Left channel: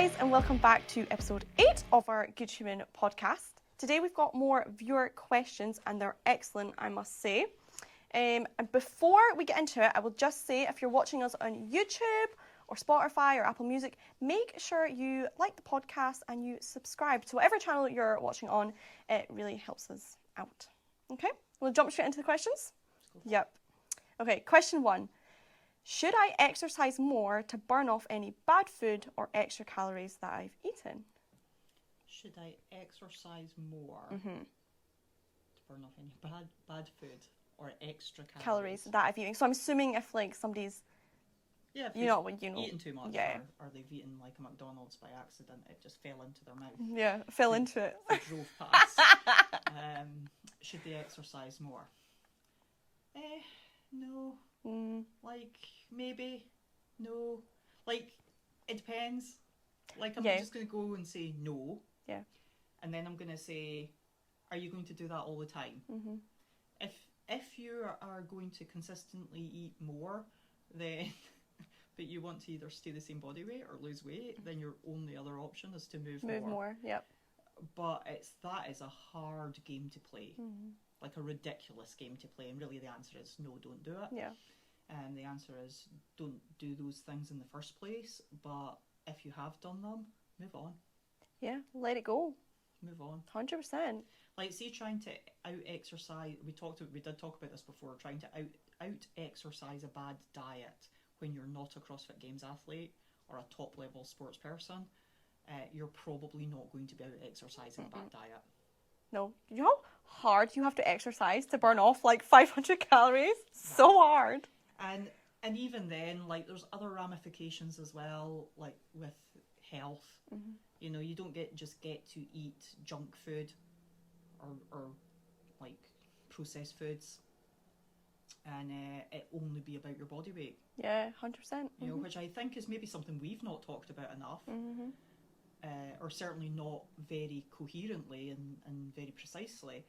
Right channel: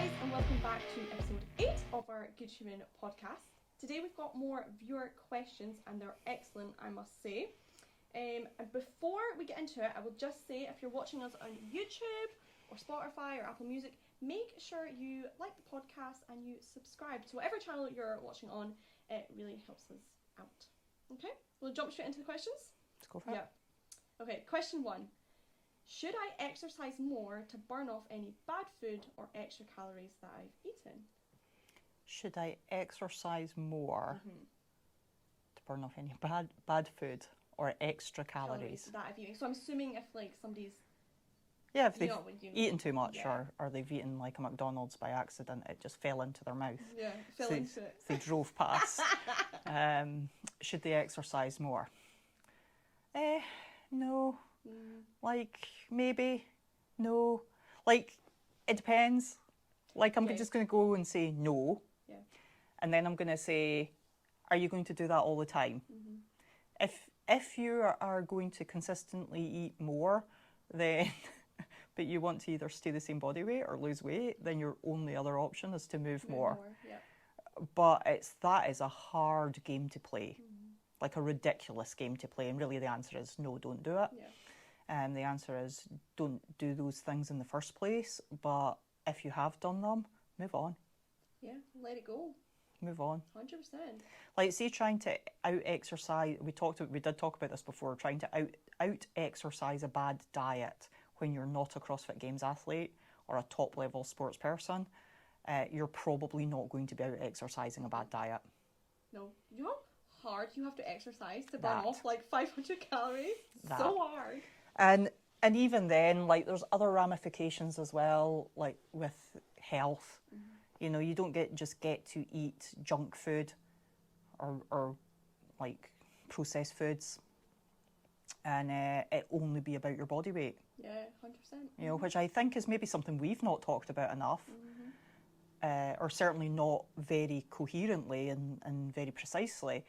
guys, and welcome back to episode 8 of our Good Human podcast. Today we've got more viewer questions, and they're excellent, I must say. And before we get into it, I will just say if you're watching us on YouTube or Spotify or Apple Music, make sure you like the podcast and you subscribe to whatever channel you're watching on. It really helps us out. Okay, we'll jump straight into the questions. Let's go for it. Yep. Okay, question 1. Should I exercise more to burn off any bad food or extra calories that I've eaten? Should I exercise more to burn off any bad food or extra calories? That I've eaten. So I'm assuming if like somebody's If they've you know, eaten too much, yeah. or they've eaten like a McDonald's by accident, it just fell into their mouth. Yeah, fell into it. They drove past. Should they exercise more? No. Like, maybe. No. Like, it depends. Like, I'm just going to go and say no. Yeah. And then I'm going to say, are you going to do that all the time? If you are going to consistently eat more, then but you want to either stay the same body weight or lose weight, then your only other option is to move more. Yep. But that is a hard game to play, like a ridiculous game to play. And really the answer is no, don't do it. Yeah. And the answer is don't do those things in the first place. But if you have done them, move on. Yeah, let it go. Move on. 100%. Like, say trying to out-exercise, we did talk about this before, trying to out-exercise a bad diet when you're not a CrossFit Games athlete or a top-level sports person, you're probably not going to be out-exercising a bad diet. No. You know how hard you have to exercise to burn That. off like 500 calories? That. So hard. And even then, like, there's other ramifications as well, like with health. You know, you don't just get to eat junk food or like processed foods and it only be about your body weight. Yeah, 100%. You know, which I think is maybe something we've not talked about enough, or certainly not very coherently and very precisely.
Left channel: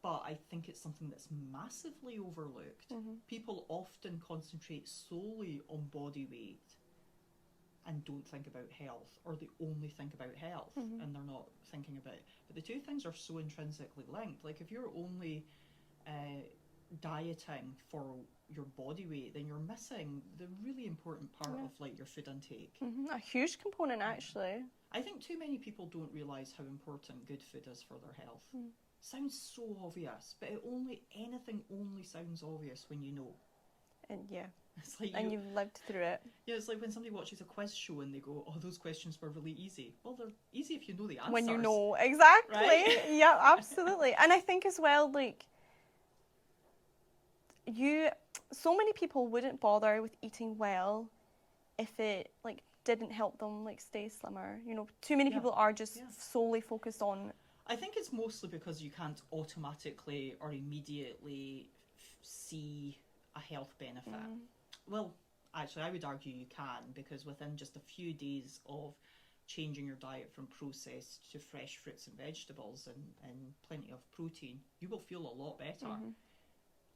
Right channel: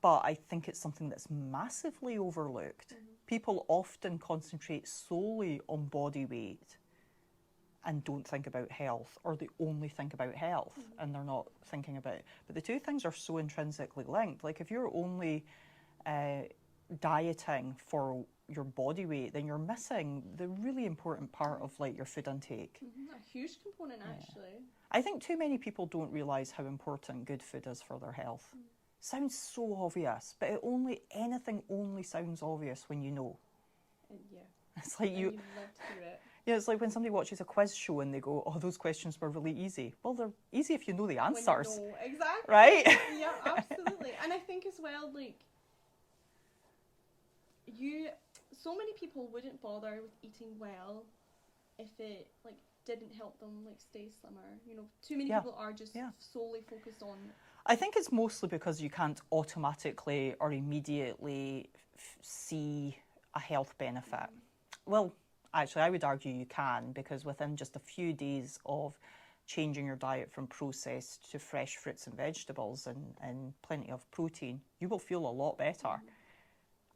But I think it's something that's massively overlooked. People often concentrate solely on body weight and don't think about health, or they only think about health and they're not thinking about it. But the two things are so intrinsically linked. Like, if you're only dieting for your body weight, then you're missing the really important part of like your food intake. A huge component, actually. I think too many people don't realise how important good food is for their health. Sounds so obvious, but anything only sounds obvious when you know. And yeah. It's like And you've lived through it. Yeah, it's like when somebody watches a quiz show and they go, "Oh, those questions were really easy." Well, they're easy if you know the answers. When you know, exactly. Right? Yeah, absolutely. And I think as well, like, so many people wouldn't bother with eating well if it, like, didn't help them, like, stay slimmer. You know, too many people are just solely focused on... I think it's mostly because you can't automatically or immediately see a health benefit. Well, actually, I would argue you can, because within just a few days of changing your diet from processed to fresh fruits and vegetables and plenty of protein, you will feel a lot better.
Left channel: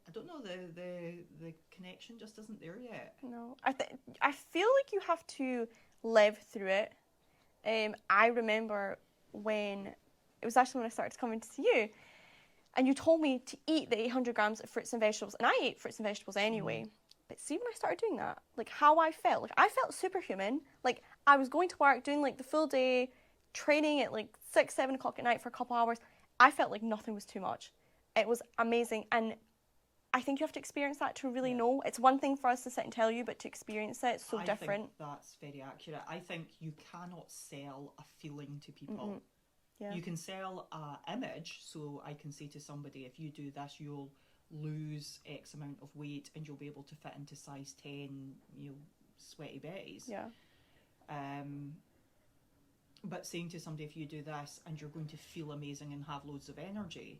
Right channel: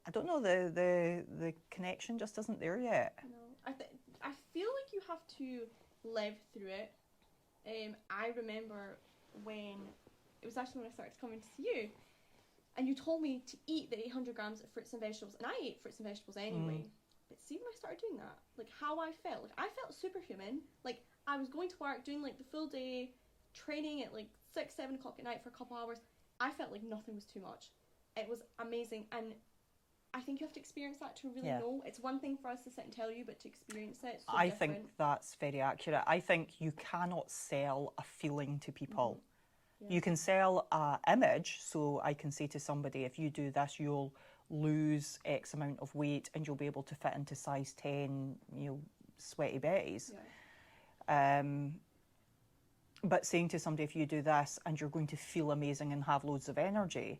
I don't know, the connection just isn't there yet. No, I feel like you have to live through it. I remember when, it was actually when I started coming to see you, and you told me to eat the 800 grams of fruits and vegetables, and I ate fruits and vegetables anyway. But see, when I started doing that, like, how I felt superhuman. Like, I was going to work, doing like the full day, training at like 6-7 o'clock at night for a couple hours. I felt like nothing was too much. It was amazing, and I think you have to experience that to really know. It's one thing for us to sit and tell you, but to experience it, it's so different. I think that's very accurate. I think you cannot sell a feeling to people. Yeah. You can sell an image, so I can say to somebody, if you do this, you'll lose X amount of weight and you'll be able to fit into size 10, you know, sweaty betties. Yeah. But saying to somebody, if you do this and you're going to feel amazing and have loads of energy,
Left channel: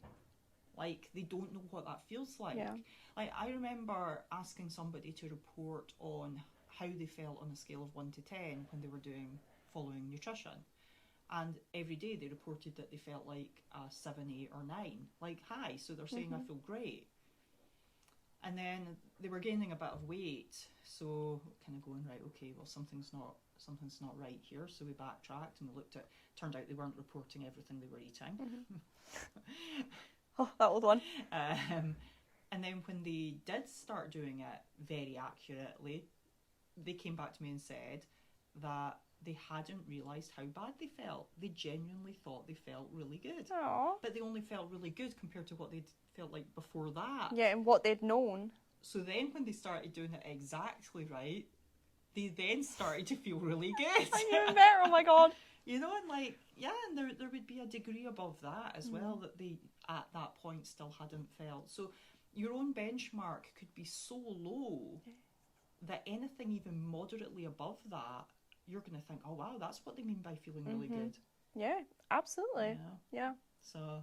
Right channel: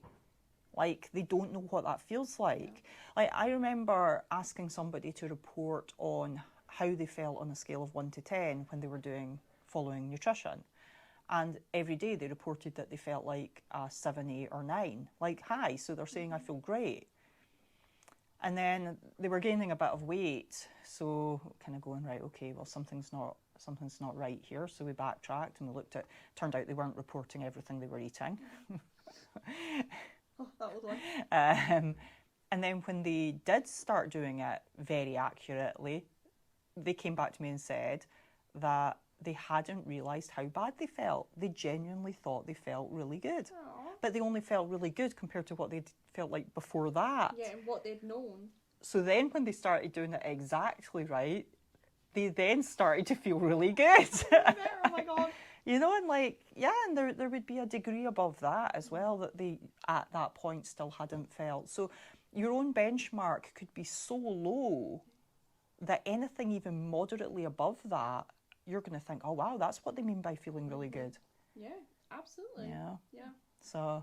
like, they don't know what that feels like. Yeah. Like, I remember asking somebody to report on how they felt on a scale of 1 to 10 when they were following nutrition. And every day they reported that they felt like a 7, 8 or 9, like high. So they're saying, I feel great. And then they were gaining a bit of weight, so kind of going, right, okay, well, something's not right here. So we backtracked and we looked at, turned out they weren't reporting everything they were eating. Oh, that old one. And then when they did start doing it very accurately, they came back to me and said that they hadn't realised how bad they felt. They genuinely thought they felt really good. Aww. But they only felt really good compared to what they'd felt like before that. Yeah, and what they'd known. So then when they started doing it exactly right, they then started to feel really good. Even better, oh my God. You know, and like, yeah, and there would be a degree above that as well that they, at that point, still hadn't felt. So your own benchmark could be so low that anything even moderately above that, you're going to think, oh, wow, that's what they mean by feeling really good. Yeah, absolutely. Yeah. So,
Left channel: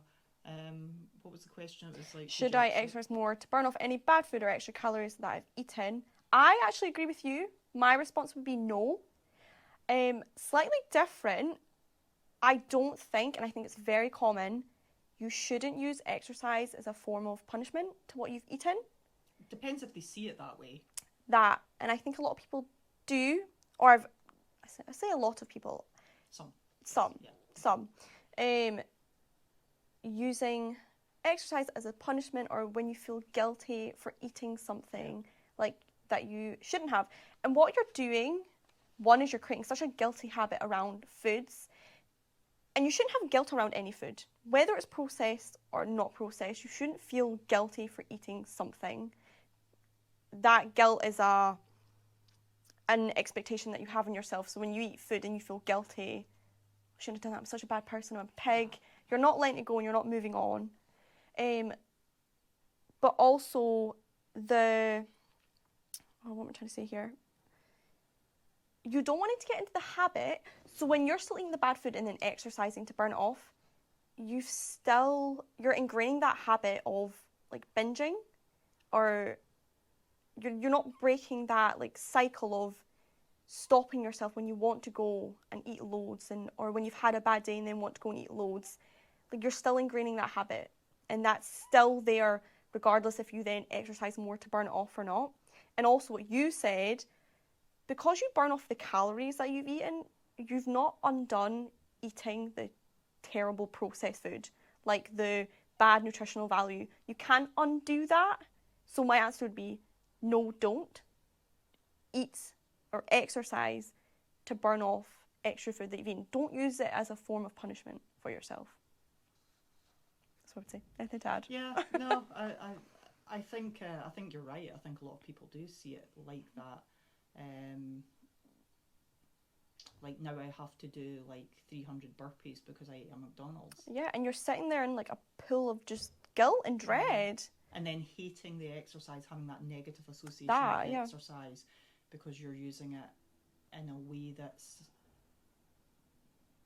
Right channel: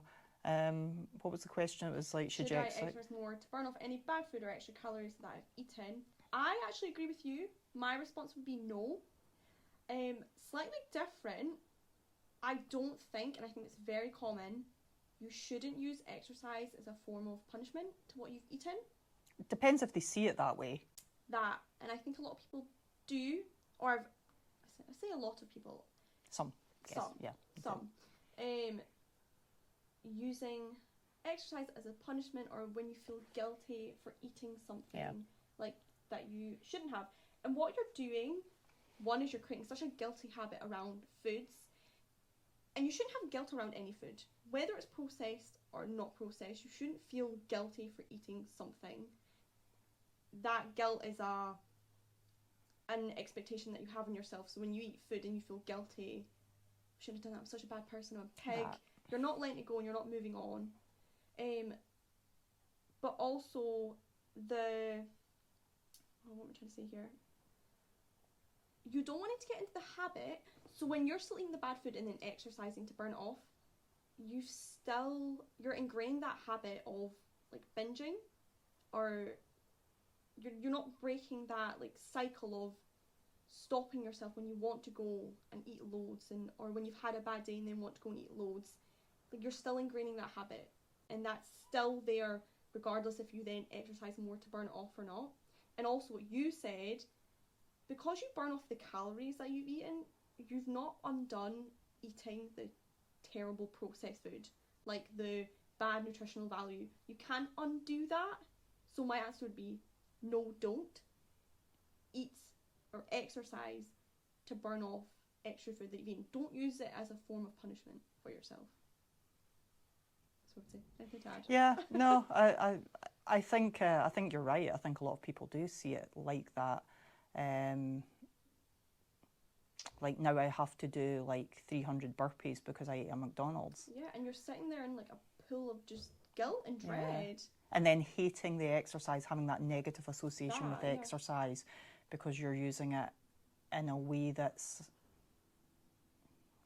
what was the question? It was like, should I exercise more to burn off any bad food or extra calories that I've eaten? I actually agree with you. My response would be no. Slightly different. I don't think, and I think it's very common, you shouldn't use exercise as a form of punishment to what you've eaten. Depends if they see it that way. That, and I think a lot of people do, or I say a lot of people. Some. Yes, some. Using exercise as a punishment, or when you feel guilty for eating something like that you shouldn't have. And what you're doing, one is you're creating such a guilty habit around foods, and you shouldn't have guilt around any food. Whether it's processed or not processed, you shouldn't feel guilty for eating something. That guilt is an expectation that you have in yourself. So when you eat food and you feel guilty, I shouldn't have done that, I'm such a bad person, I'm a pig. You're not letting it go and you're not moving on. But also what am I trying to say here? You don't want it to get into the habit. So when you're still eating the bad food and then exercising to burn it off, you're ingraining that habit of like binging, or you're not breaking that like cycle of stopping yourself when you want to go and eat loads, or when you've had a bad day and then want to go and eat loads. Like, you're still ingraining that habit, and that's still there regardless if you then exercise more to burn it off or not. And also what you said, because you burn off the calories that you've eaten, you've not undone eating the terrible processed food, like the bad nutritional value. You can't undo that. So my answer would be no, don't eat or exercise to burn off extra food that you've eaten. Don't use it as a form of punishment for yourself. That's what I'd say. Anything to add? Yeah, no, I think you're right. I think a lot of people do see it like that. Like, now I have to do like 300 burpees because I ate a McDonald's. Yeah, and you're sitting there in like a pool of just guilt and dread. And then hating the exercise, having that negative association with exercise because you're using it in a way that's,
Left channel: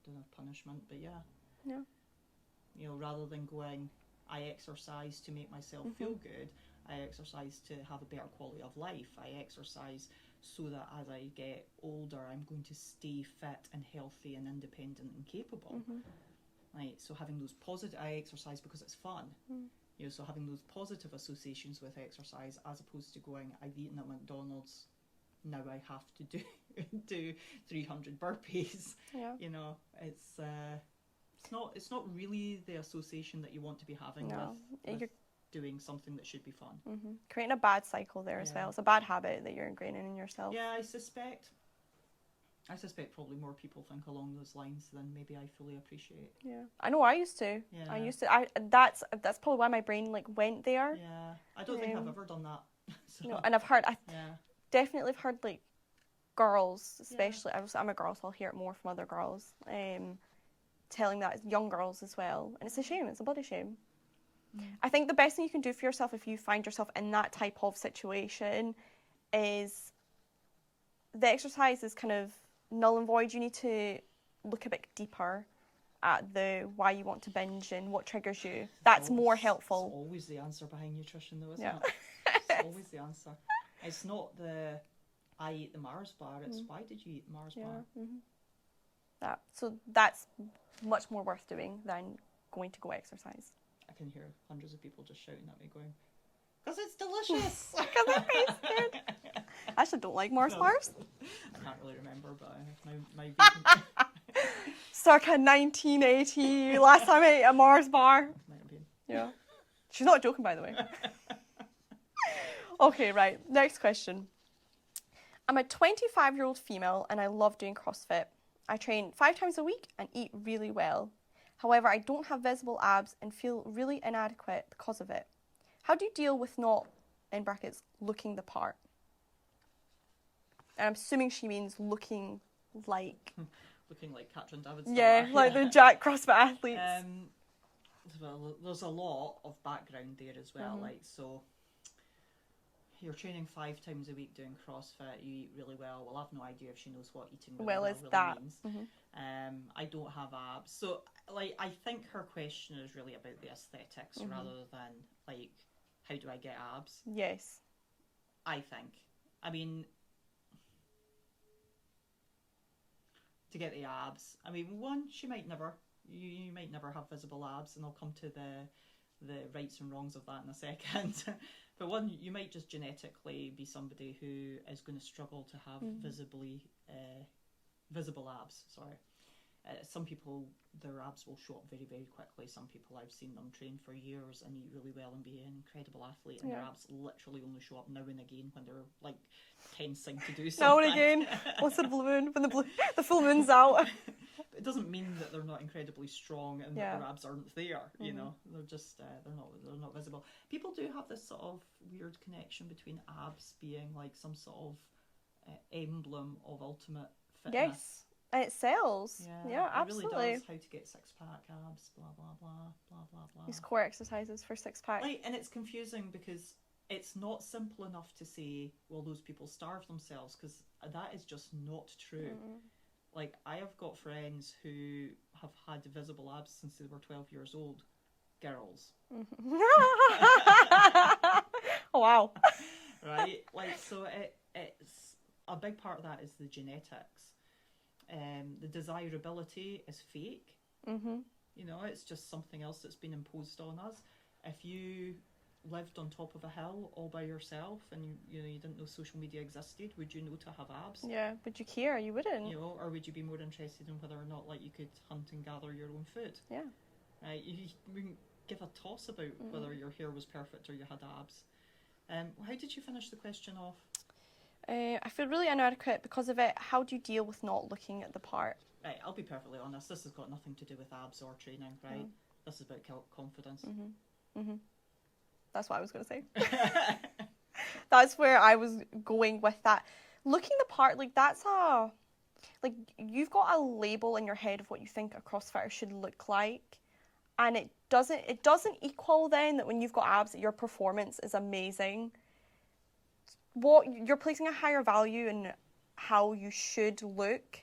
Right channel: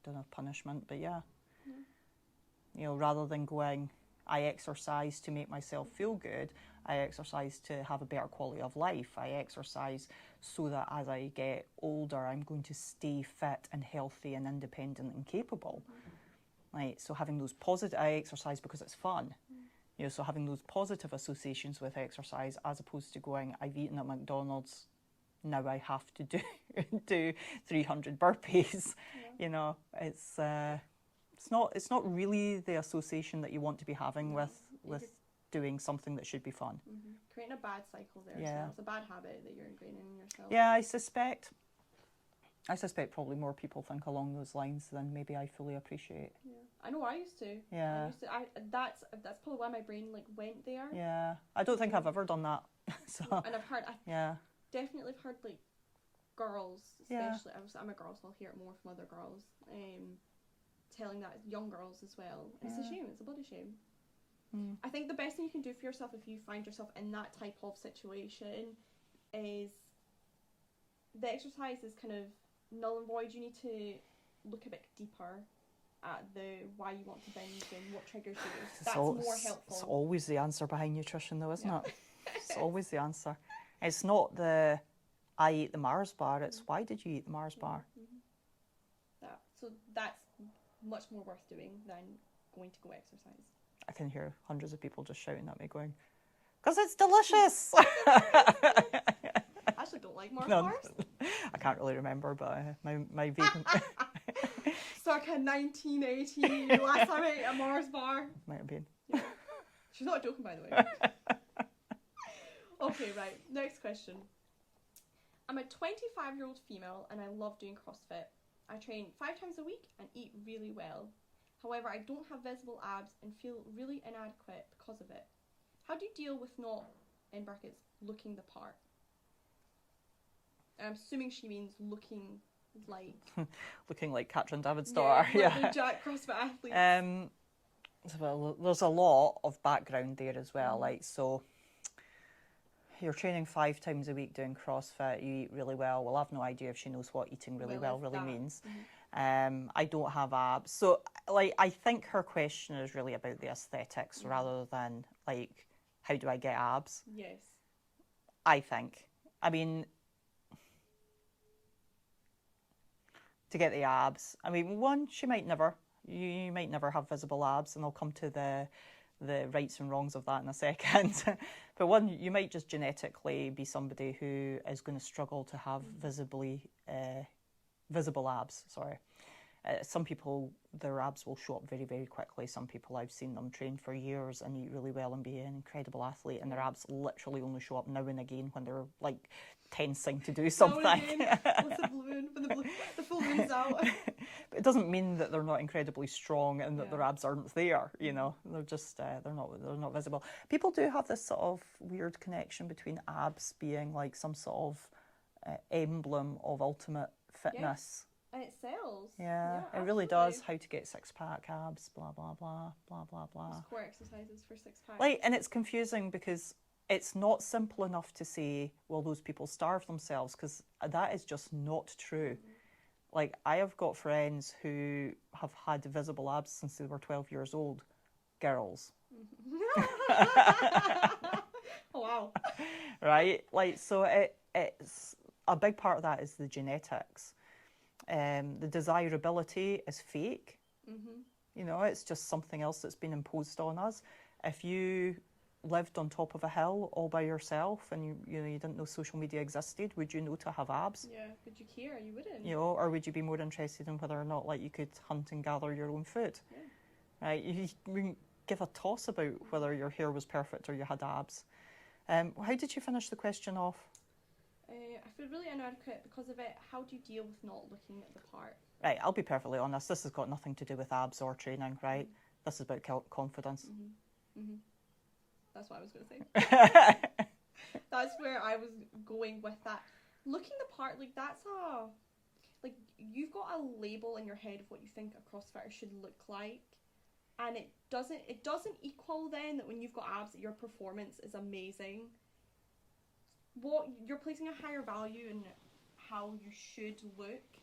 I don't know, punishment, but yeah. You know, rather than going, I exercise to make myself feel good, I exercise to have a better quality of life. I exercise so that as I get older, I'm going to stay fit and healthy and independent and capable. Right, so having those positive, I exercise because it's fun. You know, so having those positive associations with exercise, as opposed to going, I've eaten at McDonald's, now I have to do 300 burpees. You know, it's not really the association that you want to be having with doing something that should be fun. Creating a bad cycle there as well. It's a bad habit that you're ingraining in yourself. Yeah, I suspect probably more people think along those lines than maybe I fully appreciate. Yeah, I know I used to. Yeah. I used to. That's probably why my brain like went there. Yeah, I don't think I've ever done that. So. No, and I've heard. Definitely have heard like girls, especially. I'm a girl, so I'll hear it more from other girls. Telling that young girls as well, and it's a shame. It's a bloody shame. I think the best thing you can do for yourself if you find yourself in that type of situation is the exercise is kind of null and void. You need to look a bit deeper at the why you want to binge and what triggers you. That's more helpful. It's always the answer behind nutrition, though, isn't it? It's always the answer. It's not the I ate the Mars bar. It's why did you eat the Mars bar? So that's much more worth doing than going to go exercise. I can hear hundreds of people just shouting at me going, Because it's delicious. I actually don't like Mars No. bars. I can't really remember, but my vegan Circa 1980, last time I ate a Mars bar. might have been. Yeah. She's not joking, by the way. Okay, right. Next question. I'm a 25-year-old female and I love doing CrossFit. I train 5 times a week and eat really well. However, I don't have visible abs and feel really inadequate because of it. How do you deal with not, in brackets, looking the part? And I'm assuming she means looking like... Looking like Katrin Davidsdottir. Yeah, like the Jack CrossFit athletes. Well, there's a lot of background there as well. Like, so you're training 5 times a week doing CrossFit, you eat really well. Well, I've no idea if she knows what eating really well really means. I don't have abs. So, like, I think her question is really about the aesthetics rather than, like, how do I get abs? Yes. I think. I mean, to get the abs, I mean, one, she might never. You might never have visible abs, and I'll come to the rights and wrongs of that in a second. But one, you might just genetically be somebody who is going to struggle to have visible abs. Sorry. Some people, their abs will show up very, very quickly. Some people, I've seen them train for years and eat really well and be an incredible athlete, and their abs literally only show up now and again when they're like tensing to do something. Now and again. What's the blue moon? When the full moon's out. But it doesn't mean that they're not incredibly strong and that their abs aren't there. You know, they're just they're not visible. People do have this sort of weird connection between abs being like some sort of emblem of ultimate fitness. Yes. And it sells. Yeah, absolutely. it really does. How to get 6-pack abs, blah, blah, blah, blah, blah, blah. These core exercises for 6-pack. Like, and it's confusing because it's not simple enough to say, well, those people starve themselves, because that is just not true. Like, I have got friends who have had visible abs since they were 12 years old. Girls. Oh, wow. Right? Like, so it's a big part of that is the genetics. The desirability is fake. You know, it's just something else that's been imposed on us. If you lived on top of a hill all by yourself and you didn't know social media existed, would you know to have abs? Yeah, would you care? You wouldn't. You know, or would you be more interested in whether or not like you could hunt and gather your own food? Yeah. Right? You wouldn't give a toss about whether your hair was perfect or you had abs. How did you finish the question off? I feel really inadequate because of it. How do you deal with not looking at the part? Right, I'll be perfectly honest. This has got nothing to do with abs or training, right? This is about confidence. That's what I was going to say. That's where I was going with that. Looking the part, like that's like you've got a label in your head of what you think a CrossFitter should look like, and it doesn't equal then that when you've got abs that your performance is amazing. What you're placing a higher value in how you should look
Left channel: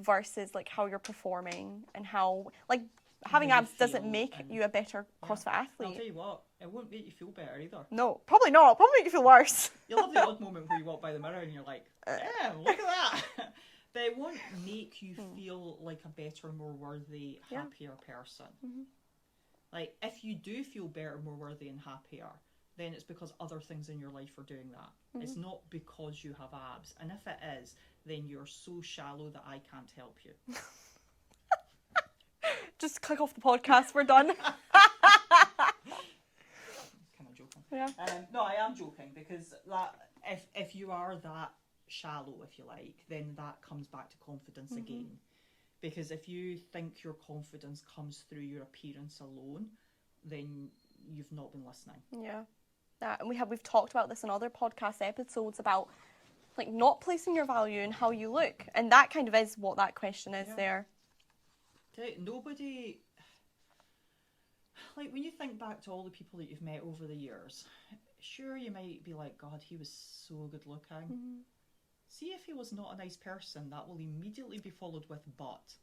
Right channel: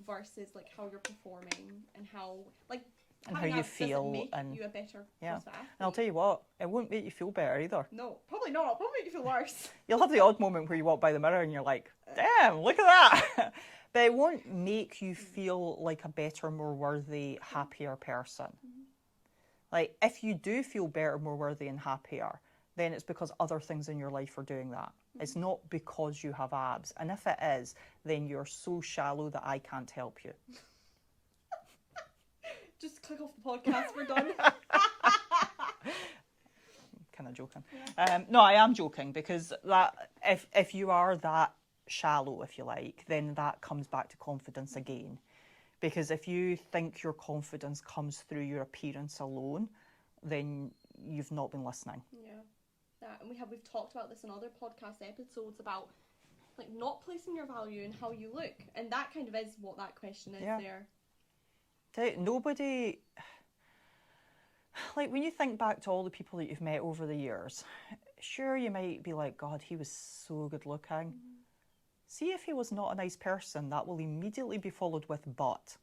versus like how you're performing and how like having abs doesn't make you a better CrossFit athlete. And I'll tell you what, it won't make you feel better either. No, probably not. It'll probably make you feel worse. You'll have the odd moment where you walk by the mirror and you're like, damn, look at that. But it won't make you feel like a better, more worthy, happier person. Like if you do feel better, more worthy and happier, then it's because other things in your life are doing that. It's not because you have abs. And if it is, then you're so shallow that I can't help you. Just click off the podcast, we're done. Kind of joking. Yeah. No, I am joking because that if you are that shallow, if you like, then that comes back to confidence again. Because if you think your confidence comes through your appearance alone, then you've not been listening. Yeah. And we've talked about this in other podcast episodes about like not placing your value in how you look, and that kind of is what that question is there. Nobody, like when you think back to all the people that you've met over the years, sure you might be like, God, he was so good looking. See if he was not a nice person, that will immediately be followed with but.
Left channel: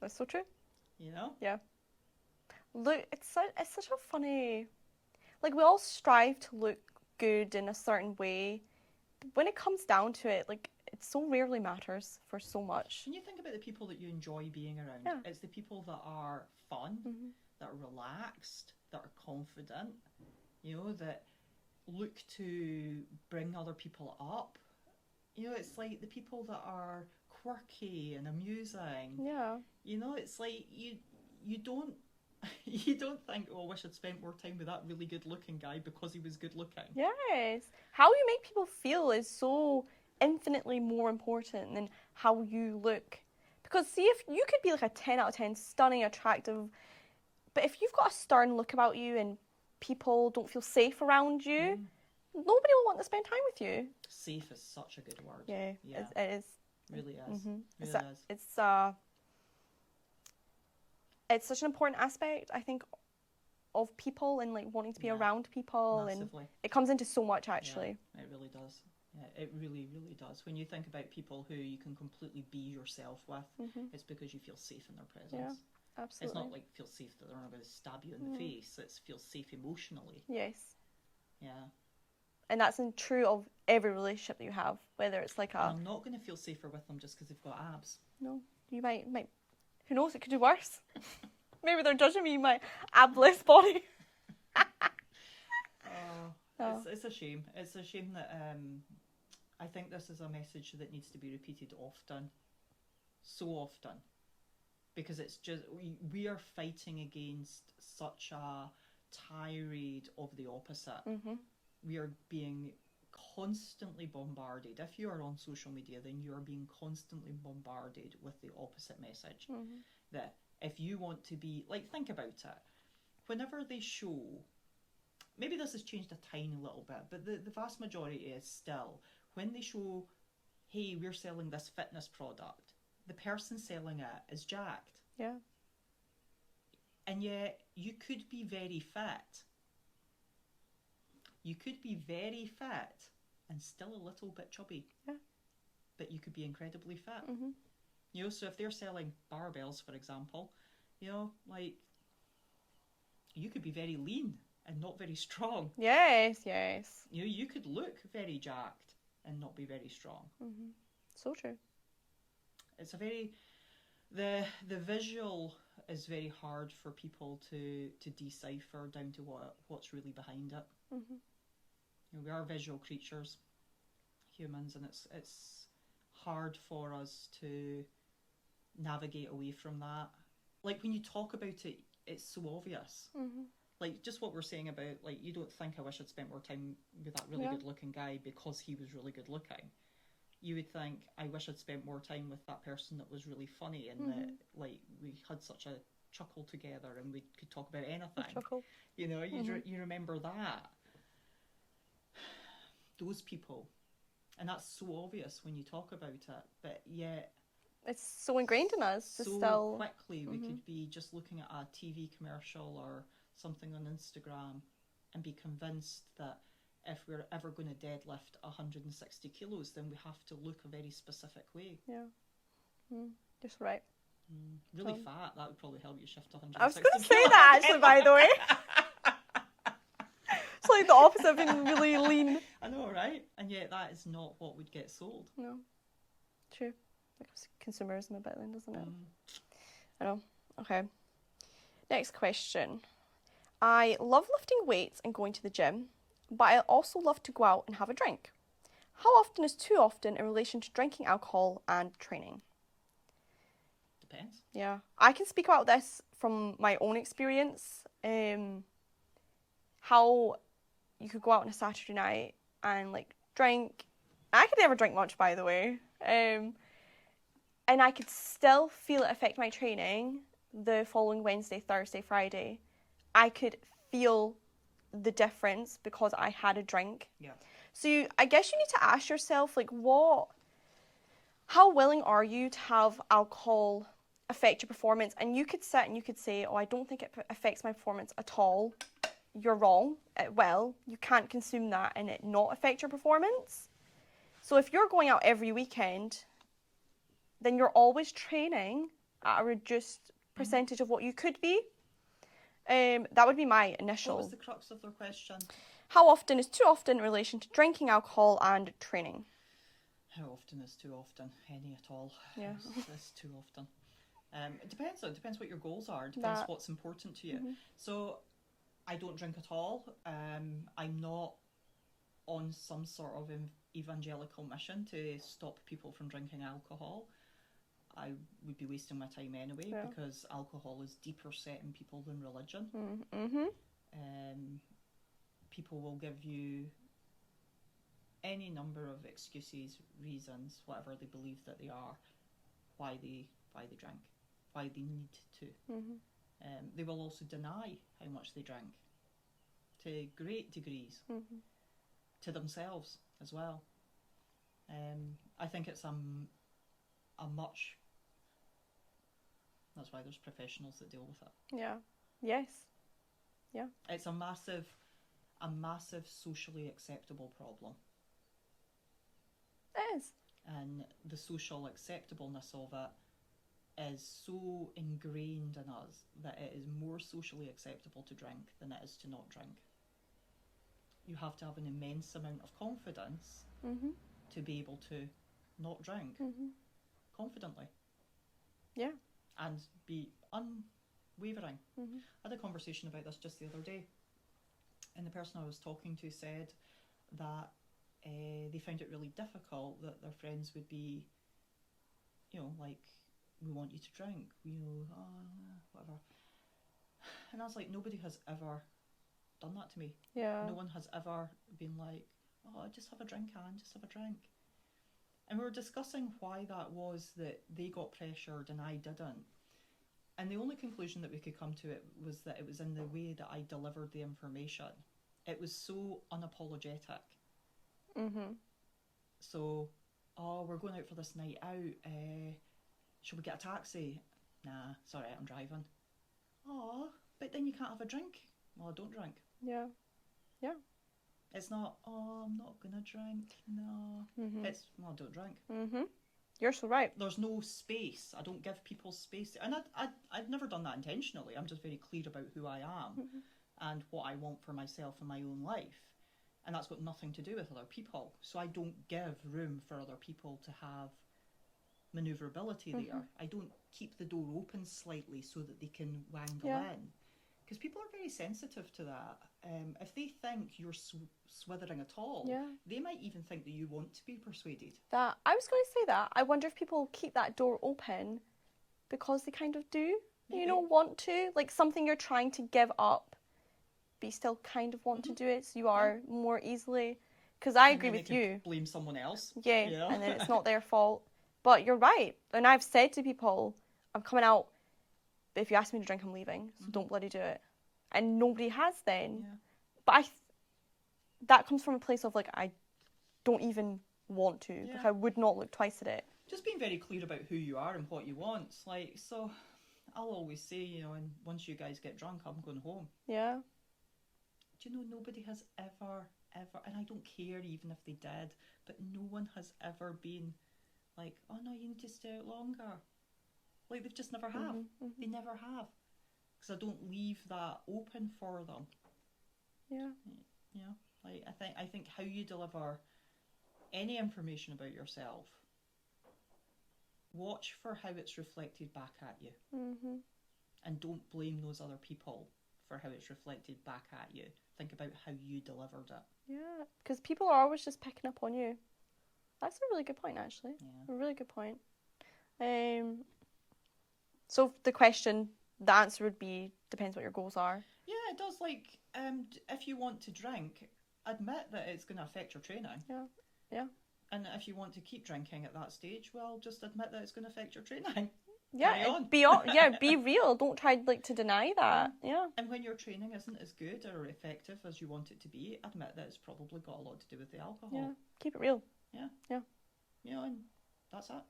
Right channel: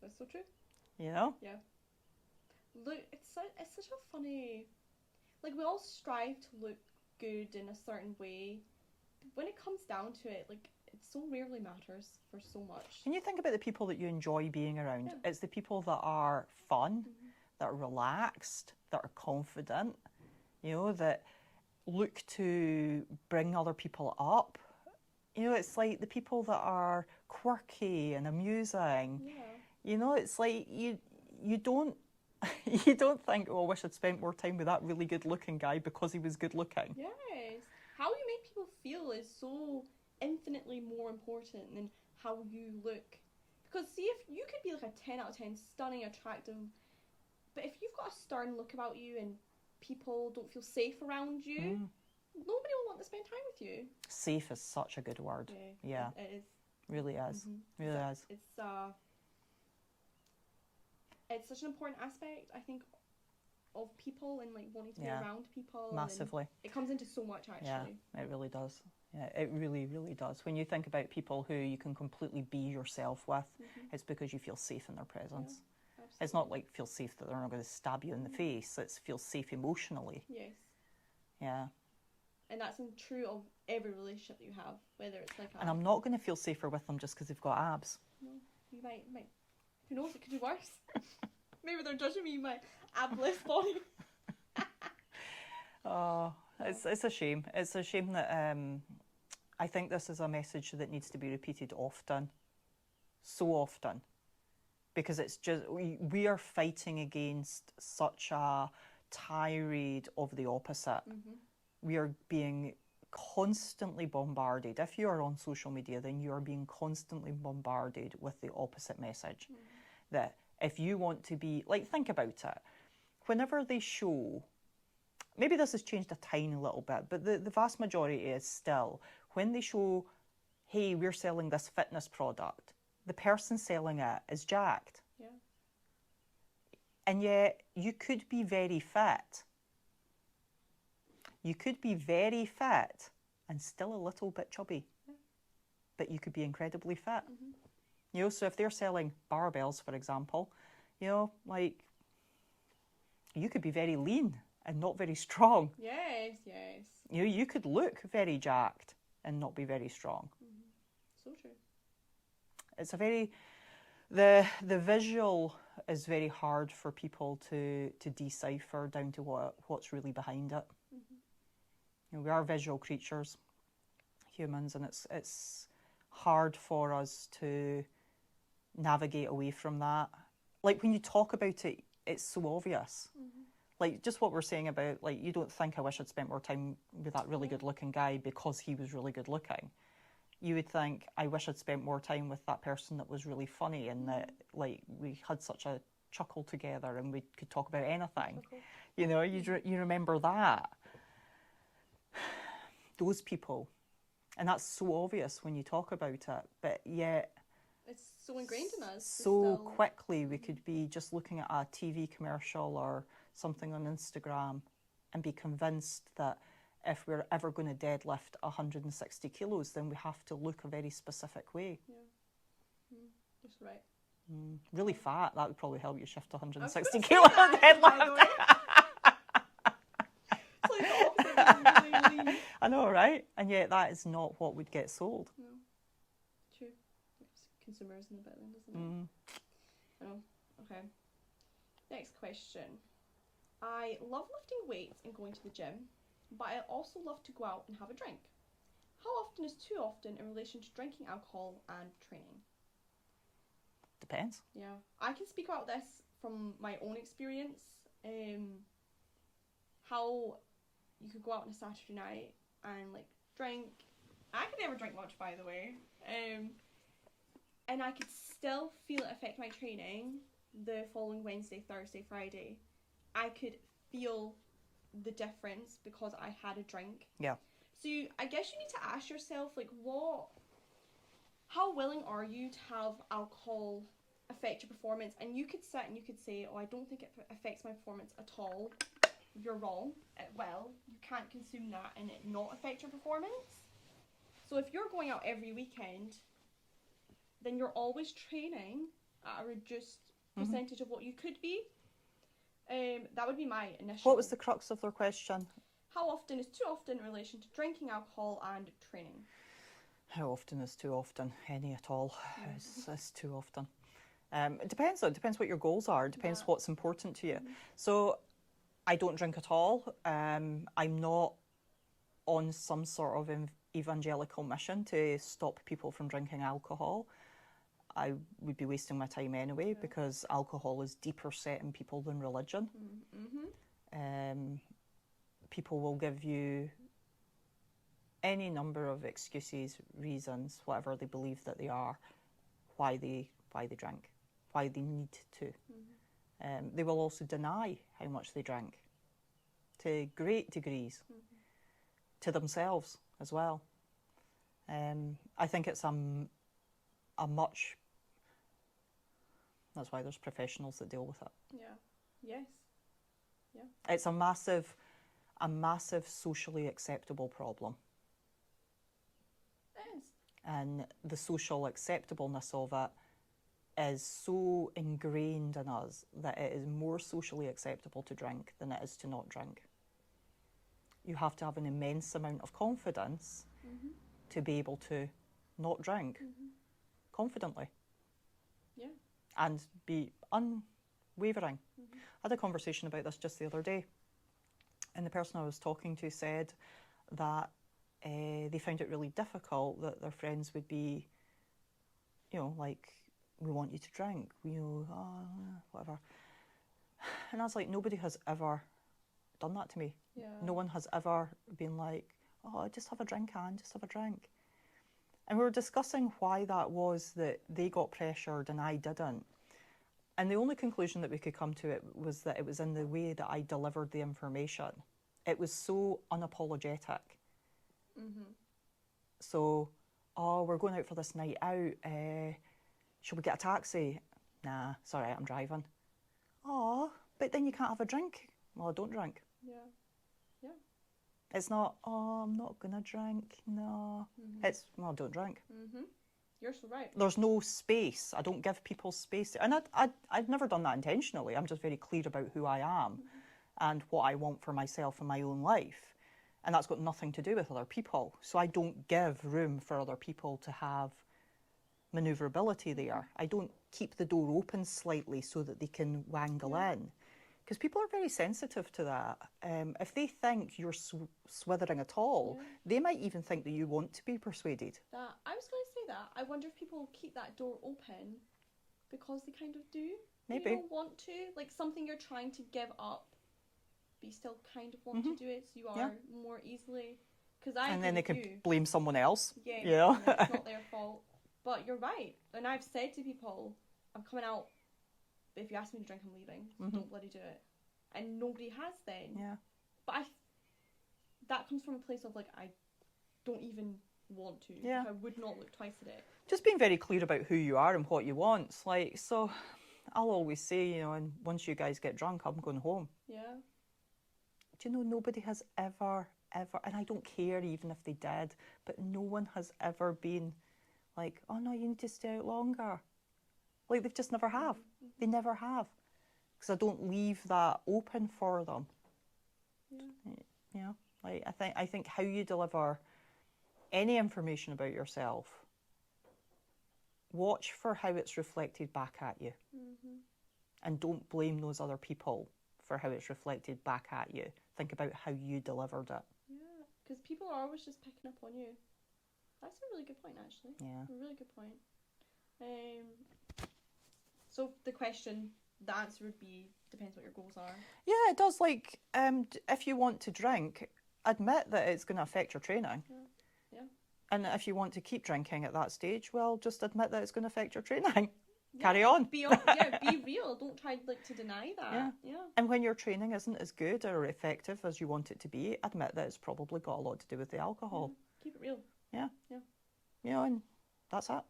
That's so true. You know? Yeah. Look, it's such a funny, like we all strive to look good in a certain way, but when it comes down to it, like it so rarely matters for so much. When you think about the people that you enjoy being around, it's the people that are fun, that are relaxed, that are confident, that look to bring other people up. It's like the people that are quirky and amusing. Yeah. It's like you don't you don't think, oh, I wish I'd spent more time with that really good looking guy because he was good looking. Yes. How you make people feel is so infinitely more important than how you look. Because see, if you could be like a 10 out of 10, stunning, attractive, but if you've got a stern look about you and people don't feel safe around you, nobody will want to spend time with you. Safe is such a good word. Yeah. It is. Really is. Really is. It's such an important aspect, I think, of people and like wanting to be around people. Massively. And it comes into so much, actually. Yeah, it really does. Yeah, it really, really does. When you think about people who you can completely be yourself with, it's because you feel safe in their presence. Yeah, absolutely. It's not like feel safe that they're not going to stab you in the face. It's feel safe emotionally. Yes. Yeah. And that's true of every relationship that you have, whether it's like And I'm not going to feel safer with them just because they've got abs. No, you might. Who knows? It could do worse. Maybe they're judging me in my abless body. It's a shame. It's a shame that I think this is a message that needs to be repeated often, so often, because it's just we are fighting against such a tirade of the opposite. We are being constantly bombarded. If you are on social media, then you are being constantly bombarded with the opposite message. That if you want to be, like, think about it. Whenever they show, maybe this has changed a tiny little bit, but the vast majority is still, when they show, hey, we're selling this fitness product, the person selling it is jacked. Yeah. And yet, you could be very fit. You could be very fit and still a little bit chubby. Yeah. But you could be incredibly fit. So if they're selling barbells, for example, like, you could be very lean and not very strong. Yes. You could look very jacked and not be very strong. So true. It's a very, the visual is very hard for people to decipher down to what's really behind it. We are visual creatures, humans, and it's hard for us to navigate away from that. Like, when you talk about it, it's so obvious. Like, just what we're saying about, like, you don't think, I wish I'd spent more time with that really good looking guy because he was really good looking. You would think, I wish I'd spent more time with that person that was really funny and that, like, we had such a chuckle together and we could talk about anything. You remember that. Those people. And that's so obvious when you talk about it, but yet it's so ingrained in us. So quickly we could be just looking at a TV commercial or something on Instagram and be convinced that if we're ever going to deadlift 160 kilos, then we have to look a very specific way. Yeah. Just right. Really fat, that would probably help you shift 160 I was going to say kilos. that, actually, by the way. It's like the opposite of being really lean. I know, right? And yet that is not what would get sold. No. True. Consumerism a bit then, doesn't it? I know. Okay. Next question. I love lifting weights and going to the gym, but I also love to go out and have a drink. How often is too often in relation to drinking alcohol and training? Depends. Yeah. I can speak about this from my own experience. How you could go out on a Saturday night and like drink. I could never drink much, by the way. And I could still feel it affect my training the following Wednesday, Thursday, Friday. I could feel the difference because I had a drink. Yeah. So I guess you need to ask yourself, like, how willing are you to have alcohol affect your performance? And you could sit and you could say, oh, I don't think it affects my performance at all. You're wrong. It will. You can't consume that and it not affect your performance. So if you're going out every weekend, then you're always training at a reduced percentage of what you could be. That would be my initial. What was the crux of their question? How often is too often in relation to drinking alcohol and training? How often is too often? Any at all. Yeah. Is too often. It depends though. It depends what your goals are. It depends what's important to you. So I don't drink at all. I'm not on some sort of evangelical mission to stop people from drinking alcohol. I would be wasting my time anyway, because alcohol is deeper set in people than religion. People will give you any number of excuses, reasons, whatever they believe that they are, why they drink, why they need to. They will also deny how much they drink to great degrees, to themselves as well. I think it's a much... That's why there's professionals that deal with it. Yeah. Yes. Yeah. It's a massive socially acceptable problem. It is. And the social acceptableness of it is so ingrained in us that it is more socially acceptable to drink than it is to not drink. You have to have an immense amount of confidence to be able to not drink confidently. Yeah. And be unwavering. I had a conversation about this just the other day, and the person I was talking to said that they found it really difficult that their friends would be, like, we want you to drink, whatever. And I was like, nobody has ever done that to me. Yeah. No one has ever been like, oh, just have a drink, Anne, just have a drink. And we were discussing why that was that they got pressured and I didn't. And the only conclusion that we could come to it was that it was in the way that I delivered the information. It was so unapologetic. So, oh, we're going out for this night out. Shall we get a taxi? Nah, sorry, I'm driving. Oh, but then you can't have a drink. Well, I don't drink. Yeah. Yeah. It's not, oh, I'm not going to drink. No. It's, well, I don't drink. You're so right. There's no space. I don't give people space. And I've never done that intentionally. I'm just very clear about who I am and what I want for myself in my own life. And that's got nothing to do with other people. So I don't give room for other people to have manoeuvrability there. I don't keep the door open slightly so that they can wangle in. Because people are very sensitive to that. If they think you're swithering at all, they might even think that you want to be persuaded. That I was going to say that. I wonder if people keep that door open because they kind of do. Maybe. Want to. Like something you're trying to give up, but you still kind of want to do it, so you are more easily... Because I agree with you. And then they can blame someone else. Yeah, and then it's not their fault. But you're right. And I've said to people, I'm coming out, but if you ask me to drink, I'm leaving. So don't bloody do it. And nobody has then. Yeah. But that comes from a place of like, I don't even want to. Yeah. Like, I would not look twice at it. Just being very clear about who you are and what you want. Like, so I'll always say, and once you guys get drunk, I'm going home. Yeah. Do you know, nobody has ever, and I don't care even if they did, but no one has ever been like, oh no, you need to stay out longer. Like, they've just never have. They never have. Because I don't leave that open for them. Yeah. Like, I think how you deliver any information about yourself, watch for how it's reflected back at you. And don't blame those other people for how it's reflected back at you. Think about how you delivered it. Yeah, because people are always just picking up on you. That's a really good point, actually. Yeah. A really good point. So the question, the answer would be, depends what your goals are. Yeah, it does. Like, if you want to drink, admit that it's going to affect your training. Yeah. And if you want to keep drinking at that stage, well, just admit that it's going to affect your training. Yeah, Carry on. Be real. Don't try to deny that. Yeah. And when your training isn't as good or effective as you want it to be, admit that it's probably got a lot to do with the alcohol. Yeah. Keep it real. Yeah. Yeah. And that's it.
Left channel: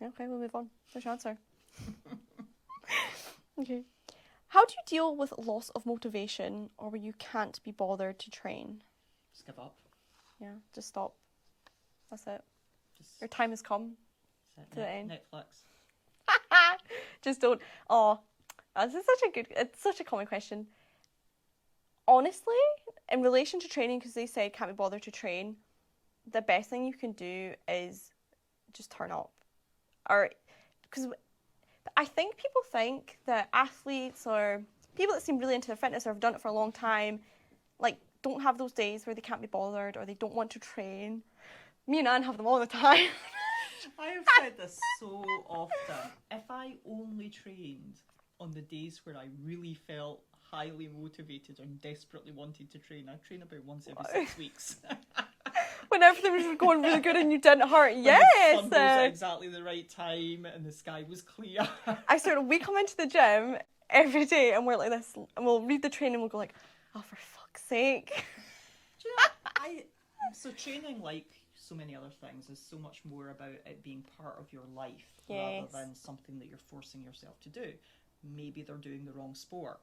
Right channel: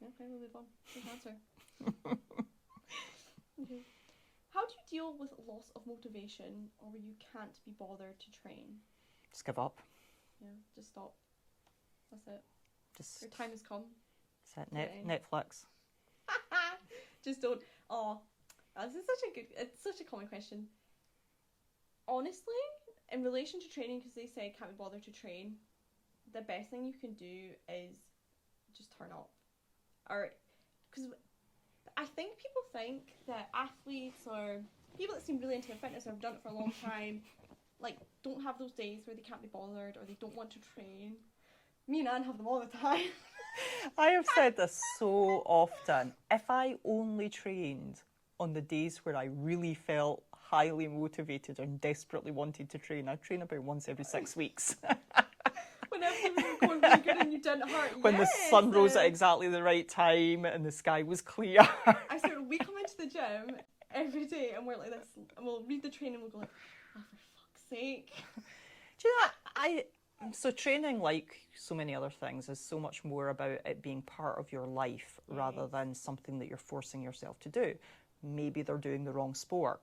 Yeah, okay, we'll move on. There's your answer. Okay. How do you deal with loss of motivation or where you can't be bothered to train? Just give up. Yeah, just stop. That's it. Just Your time has come. set to the end. Netflix. Just don't. Oh, this is it's such a common question. Honestly, in relation to training, because they say can't be bothered to train, the best thing you can do is just turn up. Or, because I think people think that athletes or people that seem really into their fitness or have done it for a long time, like, don't have those days where they can't be bothered or they don't want to train. Me and Anne have them all the time. I have said this so often. If I only trained on the days where I really felt highly motivated and desperately wanted to train, I'd train about once every 6 weeks. When everything was going really good and you didn't hurt, When the sun rose at exactly the right time and the sky was clear. I swear, we come into the gym every day and we're like this, and we'll read the training and we'll go like, oh, for fuck's sake. Do you know, so training, like so many other things, is so much more about it being part of your life rather than something that you're forcing yourself to do. Maybe they're doing the wrong sport.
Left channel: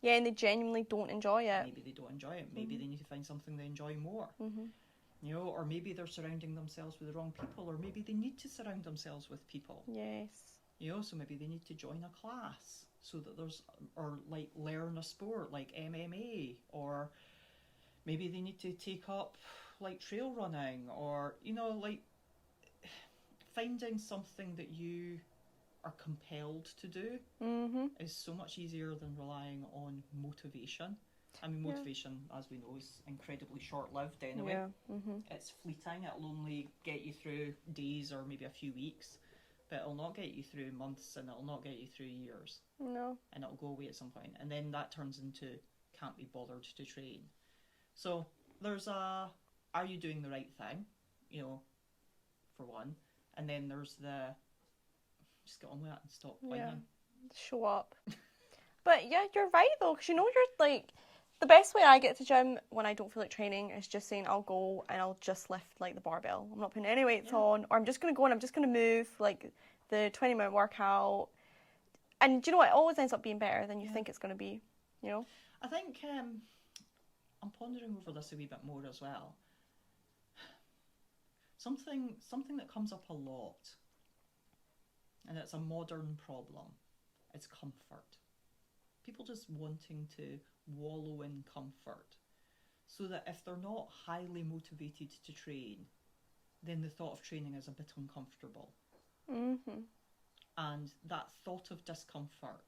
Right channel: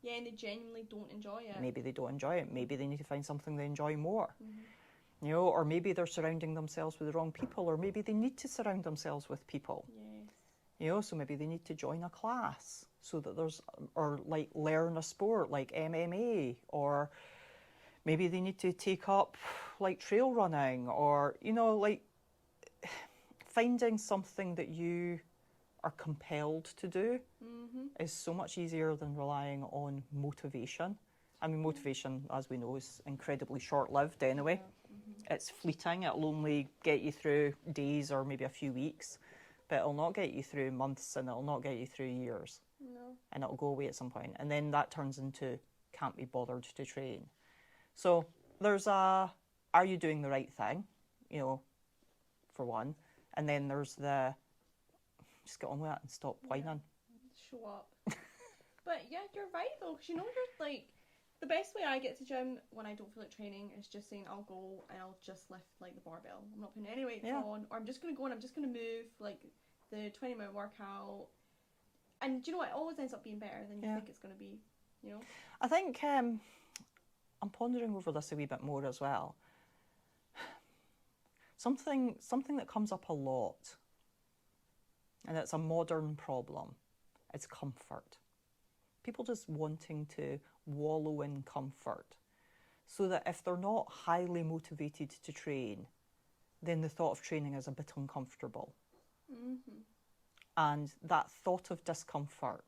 Yeah, and they genuinely don't enjoy it. Maybe they don't enjoy it. Maybe they need to find something they enjoy more. You know, or maybe they're surrounding themselves with the wrong people, or maybe they need to surround themselves with people. Yes. You know, so maybe they need to join a class so that there's, or like learn a sport like MMA, or maybe they need to take up like trail running, or, you know, like finding something that you are compelled to do is so much easier than relying on motivation. I mean, motivation, as we know, is incredibly short-lived anyway. It's fleeting. It'll only get you through days or maybe a few weeks, but it'll not get you through months, and it'll not get you through years. No. And it'll go away at some point. And then that turns into can't be bothered to train. So there's a, are you doing the right thing? You know, for one. And then there's the, just get on with it and stop whining. Yeah. Show up. But yeah, you're right though, because you know, you're like, the best way I get to gym when I don't feel like training is just saying I'll go and I'll just lift like the barbell. I'm not putting any weights on, or I'm just going to go and I'm just going to move like the 20-minute workout. And do you know what? It always ends up being better than you think it's going to be, you know? I think I'm pondering over this a wee bit more as well. Something that comes up a lot, and it's a modern problem, is comfort. People just wanting to wallow in comfort, so that if they're not highly motivated to train, then the thought of training is a bit uncomfortable. And that thought of discomfort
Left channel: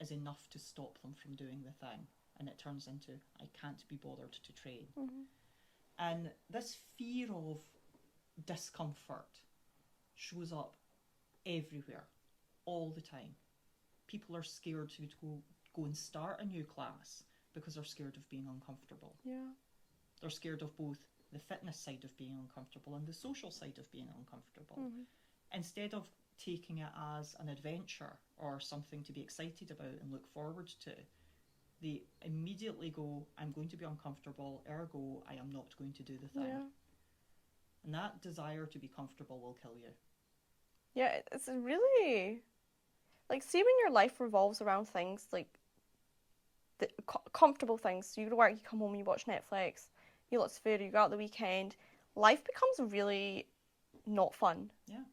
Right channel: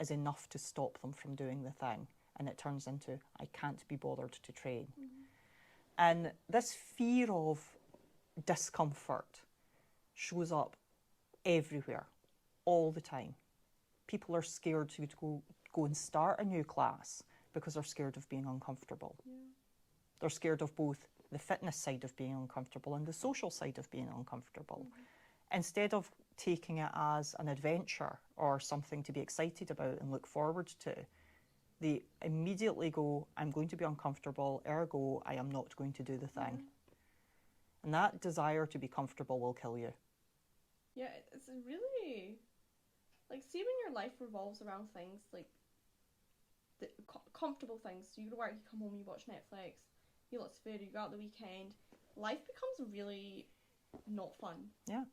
is enough to stop them from doing the thing, and it turns into, I can't be bothered to train. And this fear of discomfort shows up everywhere, all the time. People are scared to go and start a new class because they're scared of being uncomfortable. They're scared of both the fitness side of being uncomfortable and the social side of being uncomfortable. Instead of taking it as an adventure or something to be excited about and look forward to, they immediately go, I'm going to be uncomfortable, ergo I am not going to do the thing. And that desire to be comfortable will kill you. Yeah, it's really, like, see when your life revolves around things like the comfortable things. So you go to work, you come home, you watch Netflix, you eat lots of food, you go out the weekend. Life becomes really not fun.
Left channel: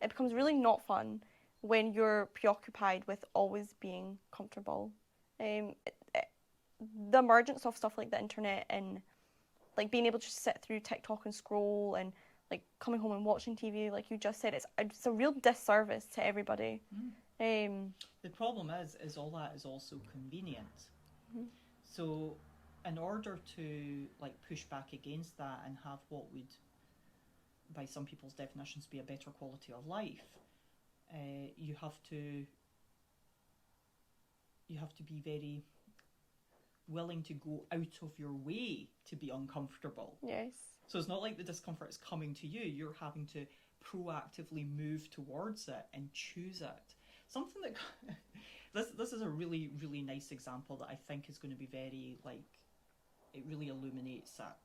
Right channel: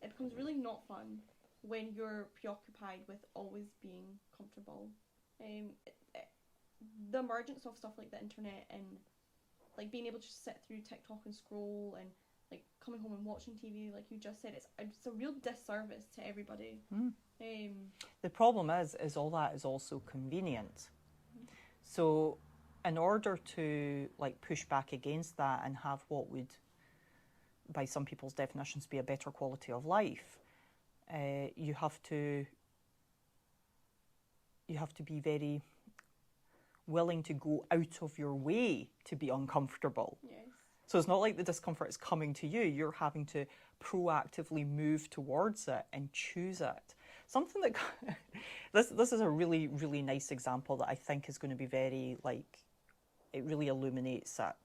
It becomes really not fun when you're preoccupied with always being comfortable. The emergence of stuff like the internet and like being able to just sit through TikTok and scroll and like coming home and watching TV, like you just said, it's a real disservice to everybody. The problem is all that is also convenient. So in order to like push back against that and have what would, by some people's definitions, be a better quality of life, you have to be very willing to go out of your way to be uncomfortable. Yes. So it's not like the discomfort is coming to you. You're having to proactively move towards it and choose it. Something that this is a really, really nice example that I think is going to be very, like, it really illuminates it.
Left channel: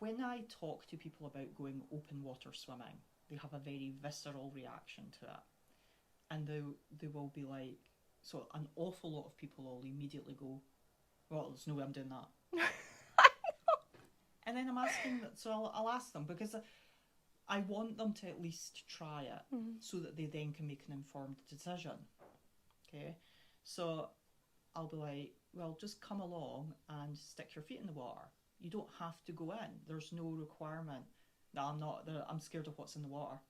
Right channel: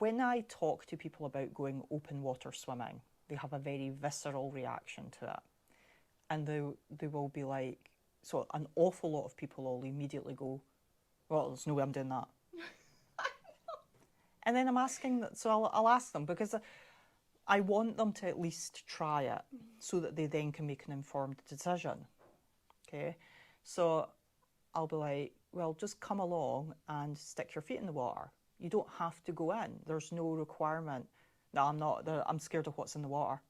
When I talk to people about going open water swimming, they have a very visceral reaction to it. And they will be like, so an awful lot of people will immediately go, well, there's no way I'm doing that. And then I'm asking, so I'll ask them, because I want them to at least try it so that they then can make an informed decision. Okay? So I'll be like, well, just come along and stick your feet in the water. You don't have to go in. There's no requirement. No, I'm scared of what's in the water.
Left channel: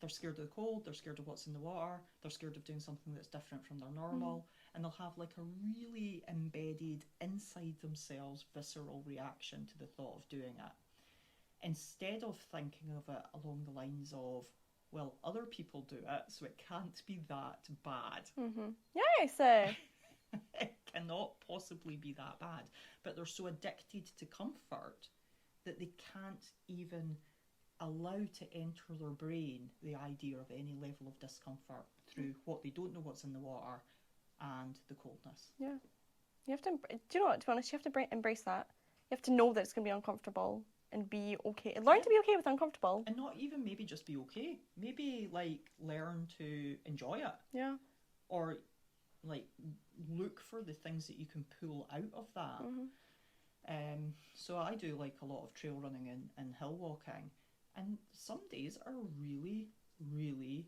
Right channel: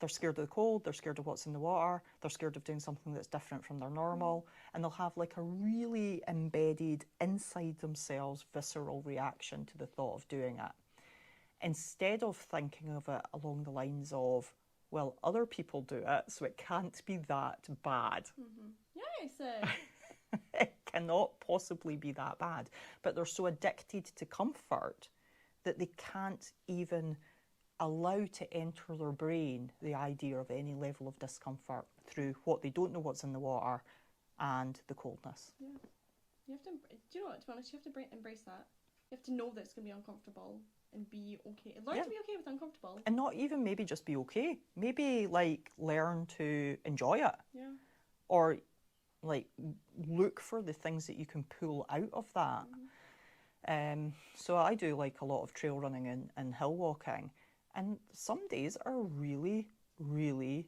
They're scared of the cold, they're scared of what's in the water, they're scared of doing something that's different from their normal, and they'll have like a really embedded inside themselves visceral reaction to the thought of doing it. Instead of thinking of it along the lines of, well, other people do it, so it can't be that bad. Yes. It cannot possibly be that bad. But they're so addicted to comfort that they can't even allow to enter their brain the idea of any level of discomfort through what they don't know what's in the water and the coldness. Yeah. You have to, do you know what, to be honest, you have to embrace that. You have to know that it's going to be uncomfortable and be okay. Learn to be okay with uncomfortable. And not even maybe just be okay. Maybe like learn to enjoy it. Yeah. Or like look for the things that you can pull out of that. So I do like a lot of trail running and hill walking. And some days are really, really,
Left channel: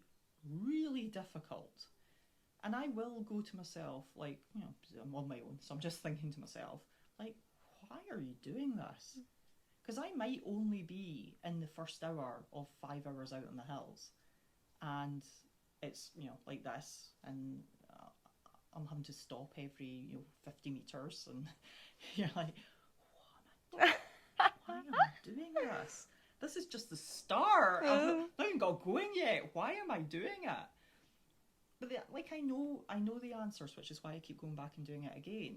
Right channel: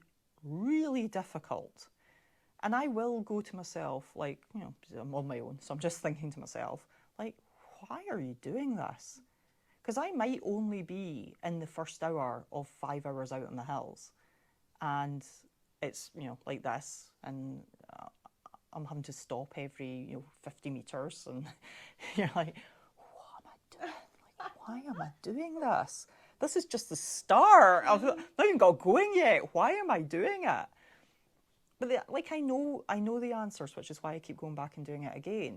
really difficult. And I will go to myself, like, you know, I'm on my own, so I'm just thinking to myself, like, why are you doing this? Because I might only be in the first hour of 5 hours out in the hills. And it's, you know, like this. And I'm having to stop every, 50 metres. And you're like, what am I doing? Why am I doing this? This is just the start. I've not even got going yet. Why am I doing it? But I know the answers, which is why I keep going back and doing it again.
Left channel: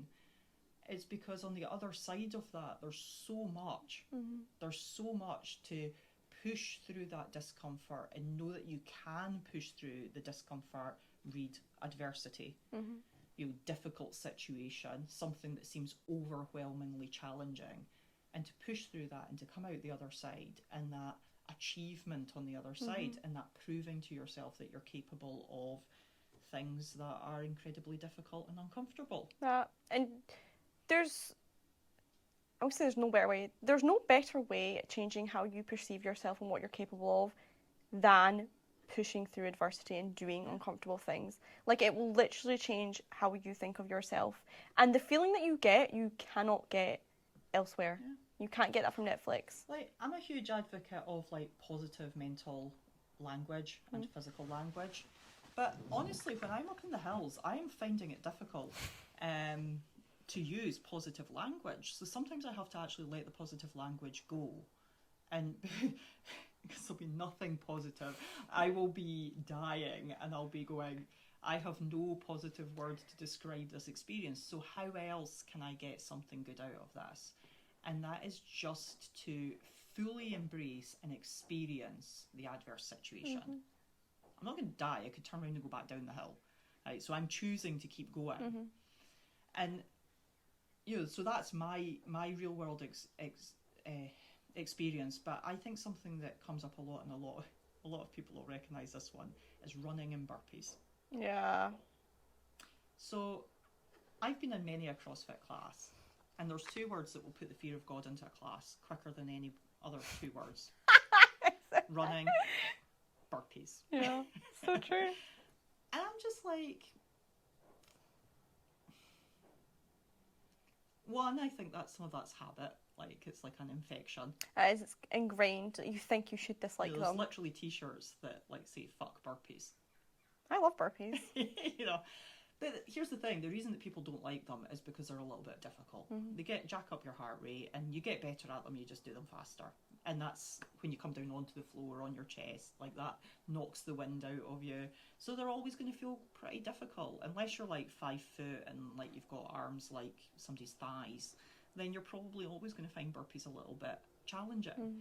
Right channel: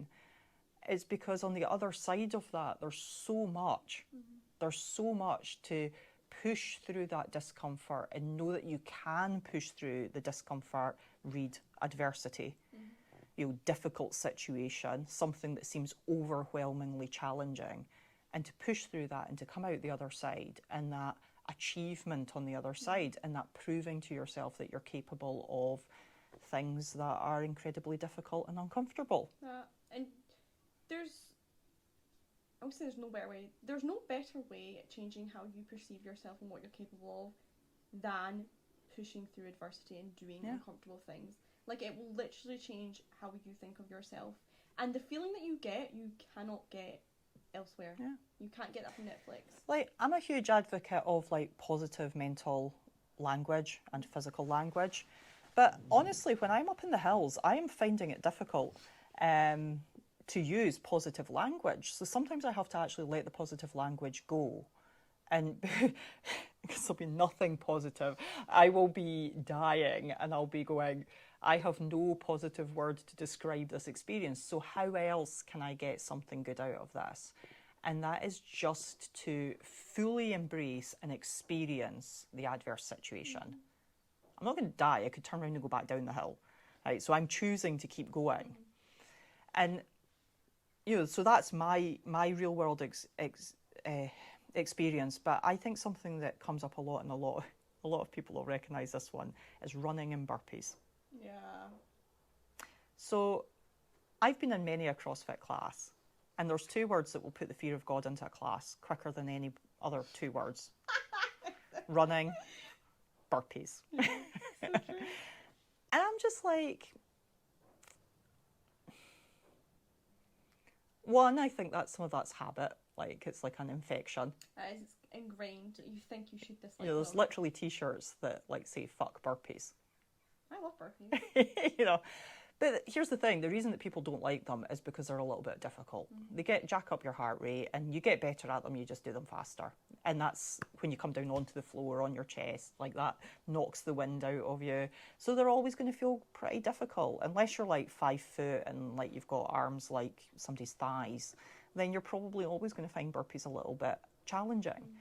It's because on the other side of that, there's so much. There's so much to push through that discomfort and know that you can push through the discomfort, read adversity, difficult situation, something that seems overwhelmingly challenging, and to push through that and to come out the other side and that achievement on the other side and that proving to yourself that you're capable of things that are incredibly difficult and uncomfortable. And I would say there's no better way. There's no better way at changing how you perceive yourself and what you're capable of than pushing through adversity and doing uncomfortable things. Like, it will literally change how you think of yourself. And the feeling that you get, you cannot get elsewhere. Yeah. You can't get that from Netflix. Like, I'm a huge advocate of like positive mental language and physical language. But honestly, when I'm up in the hills, I am finding it difficult to use positive language. So sometimes I have to actually let the positive language go. And because there'll be nothing positive, I will be dying and I'll be going, I have no positive word to describe this experience. So how else can I get something good out of this? And that is just to fully embrace and experience the adverse situation. I'm not going to die. I could turn around and go back down the hill. Right? So I'm choosing to keep going. And, so that's my real world experience. But I think something that comes up a lot, and a lot of people will recognise this one, is running and burpees. Yeah. So I've been in many a CrossFit class, and there's two words that will put the fear of God into a class quicker than any other two words. Running, burpees. Yeah, so true. And I'm just like, one, I think that some of that's habit. Like, it's like an infection. It's ingrained. You think you should dislike them. There's literally t-shirts that like say "fuck burpees." I love burpees. But here's the thing: the reason that people don't like them is because they're a little bit difficult. They jack up your heart rate, and you get better at them. You just do them faster, and that's when you come down onto the floor on your chest, like that knocks the wind out of you. So they're always going to feel pretty difficult, unless you're like 5 foot and like you've got arms like somebody's thighs. Then you're probably always going to find burpees a little bit challenging.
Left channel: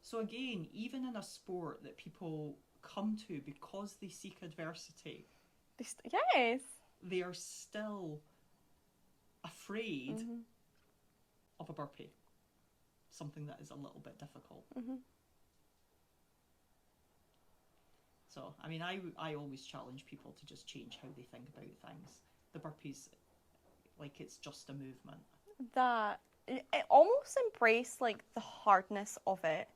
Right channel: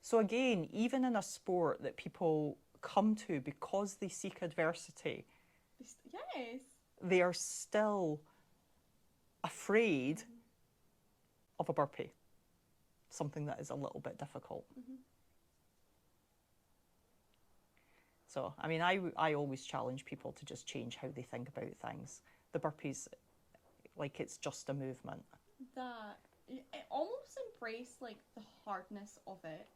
So again, even in a sport that people come to because they seek adversity, yes, they are still afraid of a burpee, something that is a little bit difficult. So, I mean, I always challenge people to just change how they think about things. The burpees, like, it's just a movement. That it almost embrace like the hardness of it,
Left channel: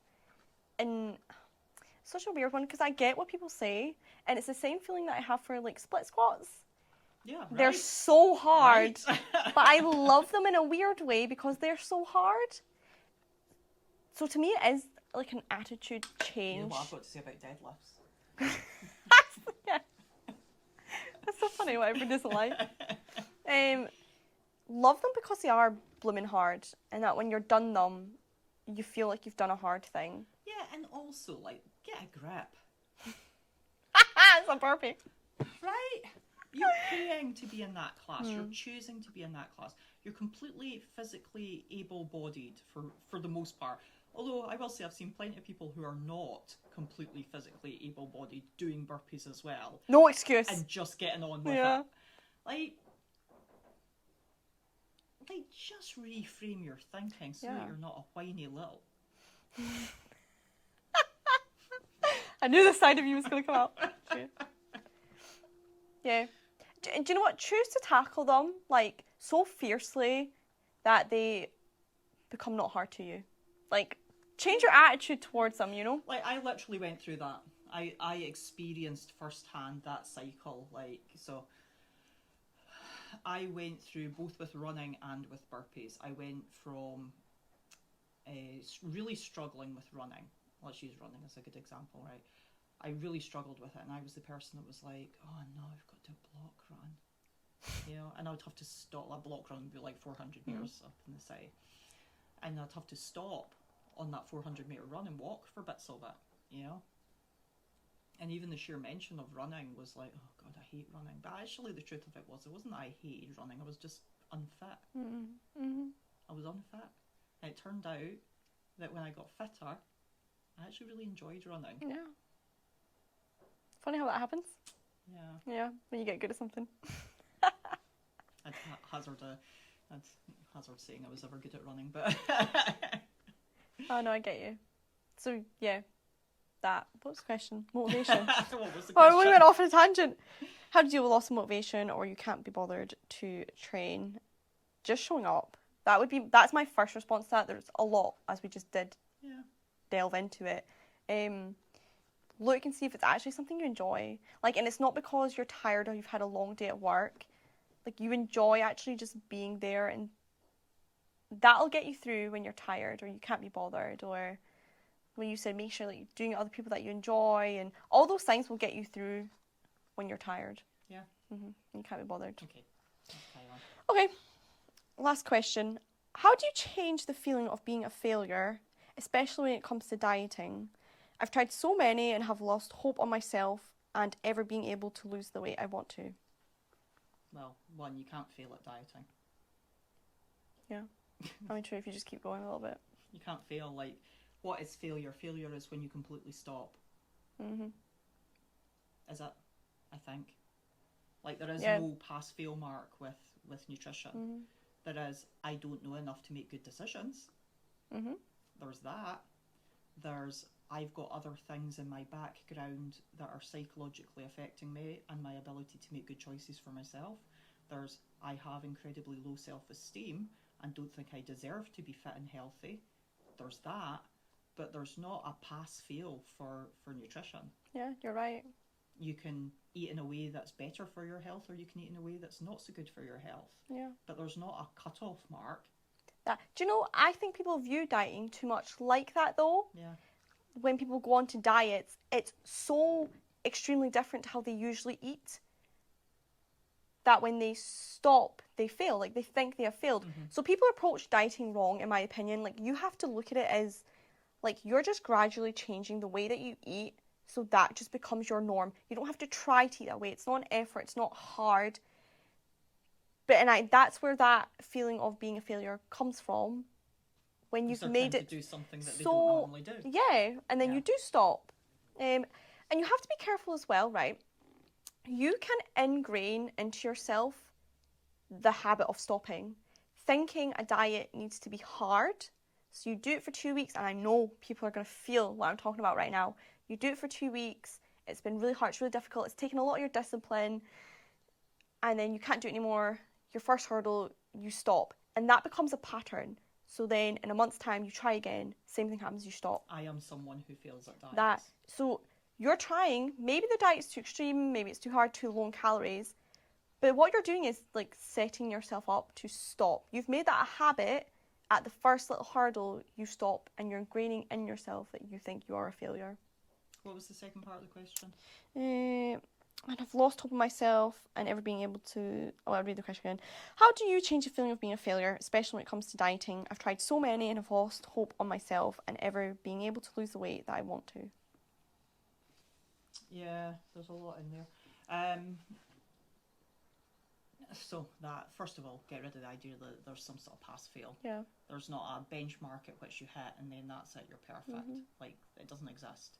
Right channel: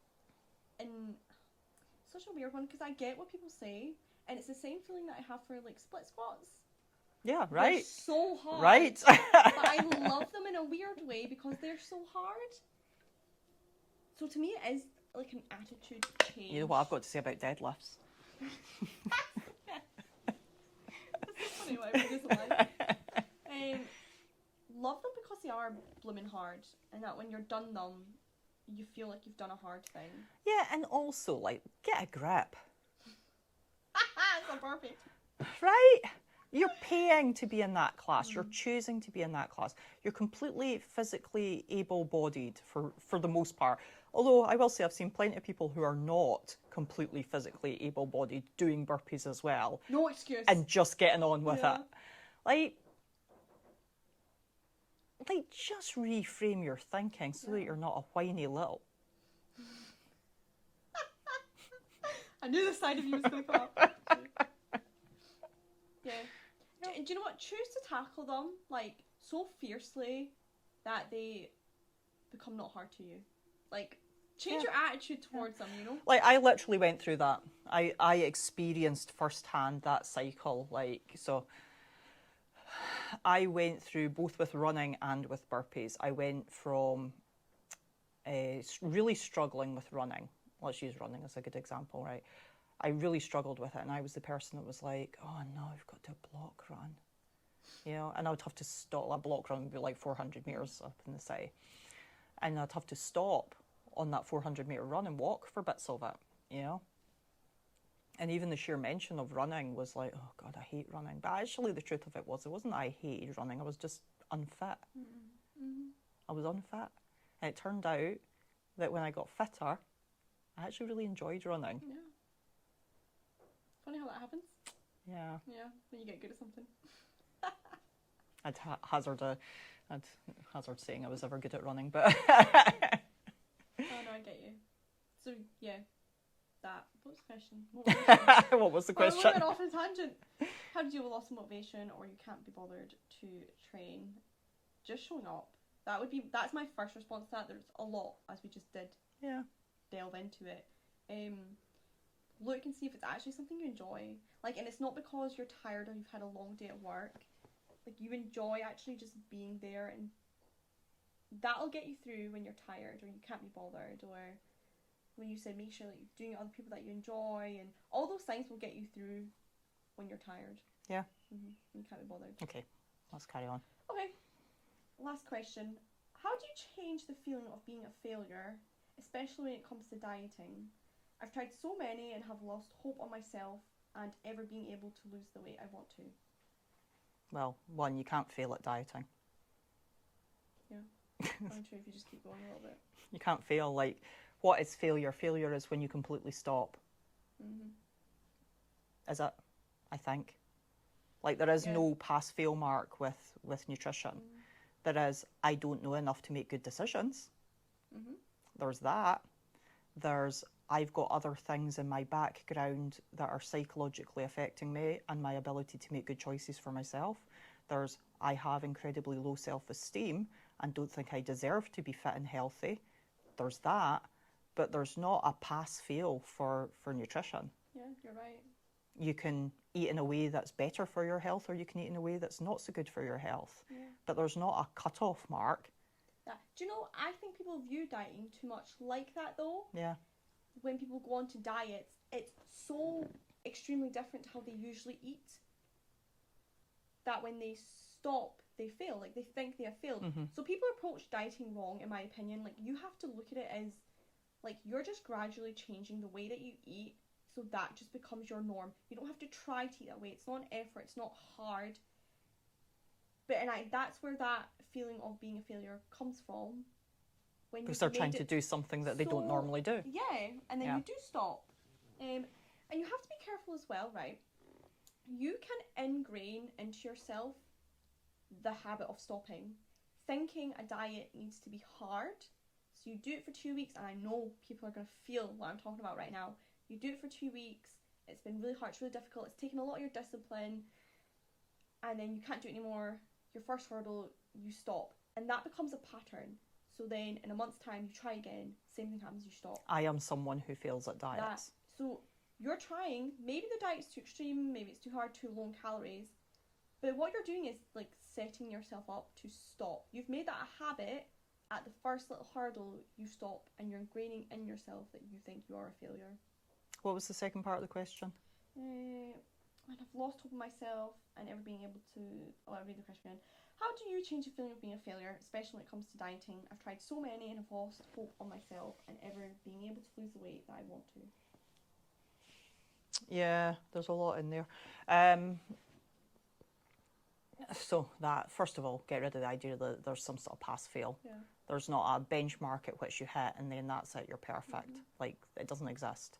and such a weird one, because I get what people say, and it's the same feeling that I have for like split squats. Yeah, right. They're so hard, right. but I love them in a weird way because they're so hard. So to me, it is like an attitude change. You know what I've got to say about deadlifts? Yeah. That's so funny what everyone doesn't like. Love them because they are blooming hard, and that when you're done them, you feel like you've done a hard thing. Yeah, and also, like, get a grip. It's a burpee. Right? You're paying to be in that class. You're choosing to be in that class. You're completely physically able-bodied for the most part. Although I will say I've seen plenty of people who are not completely physically able-bodied doing burpees as well. No excuse. And just getting on with it. Like, just reframe your thinking so that you're not a whiny little. I knew the side of you was going to come up. Yeah. Do you know what? Choose to tackle them like so fiercely that they become not hard to you. Like, change your attitude towards them, you know? Like, I literally went through that. I experienced firsthand that cycle. Like, so I went through both with running and with burpees. I went from really struggling with running. Let's use running as a good example, right? I really struggled with it, and I was the person that was like, oh no, I've got to block run. You know, and I would have to stop. That block run would be like 400 metres up in the city. And I'd have to stop on that 400-metre run and walk for bits of it, you know? And even the sheer mention of running was like, oh God, I hate running. But actually the truth of it wasn't that I hated running, I was just unfit. I was unfit. And it turned out that when I got fitter, I actually really enjoyed running. Yeah. Funny how that happens. Yeah. Yeah, when you get good at something. I'd hazard saying I was ever good at running, but... Oh no, I get you. So, yeah. What was the question? Motivation. What was the question? Oh, we went off on a tangent. How to deal with loss of motivation, or you can't be bothered to train. Just showing up. That's my first response to that. There's a lot, as we just did. Yeah. Delve into it. Look and see if it's actually something you enjoy. Like, and it's not because you're tired or you've had a long day at work. Like, you enjoy actually just being there, and that'll get you through when you're tired or you can't be bothered, or when you said make sure that you're doing it with other people that you enjoy, and all those things will get you through when you're tired. Yeah. You can't be bothered. Okay, let's carry on. Okay, last question. How do you change the feeling of being a failure, especially when it comes to dieting? I've tried so many and have lost hope on myself and ever being able to lose the weight I want to. Well, one, you can't fail at dieting. Yeah. I mean, true, if you just keep going a little bit. You can't fail. Like, what is failure? Failure is when you completely stop. Is it? I think. Like, there is no pass-fail mark with nutrition. There is, I don't know enough to make good decisions. There's that. There's, I've got other things in my background that are psychologically affecting me and my ability to make good choices for myself. There's, I have incredibly low self-esteem and don't think I deserve to be fit and healthy. There's that, but there's not a pass-fail for nutrition. Yeah, you're right. You can eat in a way that's better for your health, or you can eat in a way that's not so good for your health. Yeah. But there's not a cut-off mark. Do you know, I think people view dieting too much like that, though. Yeah. When people go on to diets, it's so extremely different to how they usually eat that when they stop, they fail. Like, they think they have failed. So people approach dieting wrong, in my opinion. Like, you have to look at it as, like, you're just gradually changing the way that you eat, so that just becomes your norm. You don't have to try to eat that way. It's not an effort. It's not hard. That's where that feeling of being a failure comes from. When you've they're made trying it to do something that they don't normally do. Yeah, and then you do stop. And you have to be careful as well, right? You can ingrain into yourself the habit of stopping, thinking a diet needs to be hard. So you do it for 2 weeks, and I know people are going to feel what I'm talking about right now. You do it for 2 weeks, it's been really hard, it's really difficult, it's taken a lot of your discipline, and then you can't do it anymore. Your first hurdle, you stop. And that becomes a pattern. So then in a month's time, you try again, same thing happens, you stop. I am someone who fails at diets. So you're trying, maybe the diet's too extreme, maybe it's too hard, too low in calories, but what you're doing is like setting yourself up to stop. You've made that a habit, at the first little hurdle, you stop and you're ingraining in yourself that you think you are a failure. What was the second part of the question? And I've lost hope in myself and ever being able to... Oh, I'll read the question again. How do you change the feeling of being a failure, especially when it comes to dieting? I've tried so many and have lost hope on myself and ever being able to lose the weight that I want to. Yeah, there's a lot in there. So that, first of all, get rid of the idea that there's some sort of pass-fail. Yeah. There's not a benchmark at which you hit and then that's it, you're perfect. Like, it doesn't exist.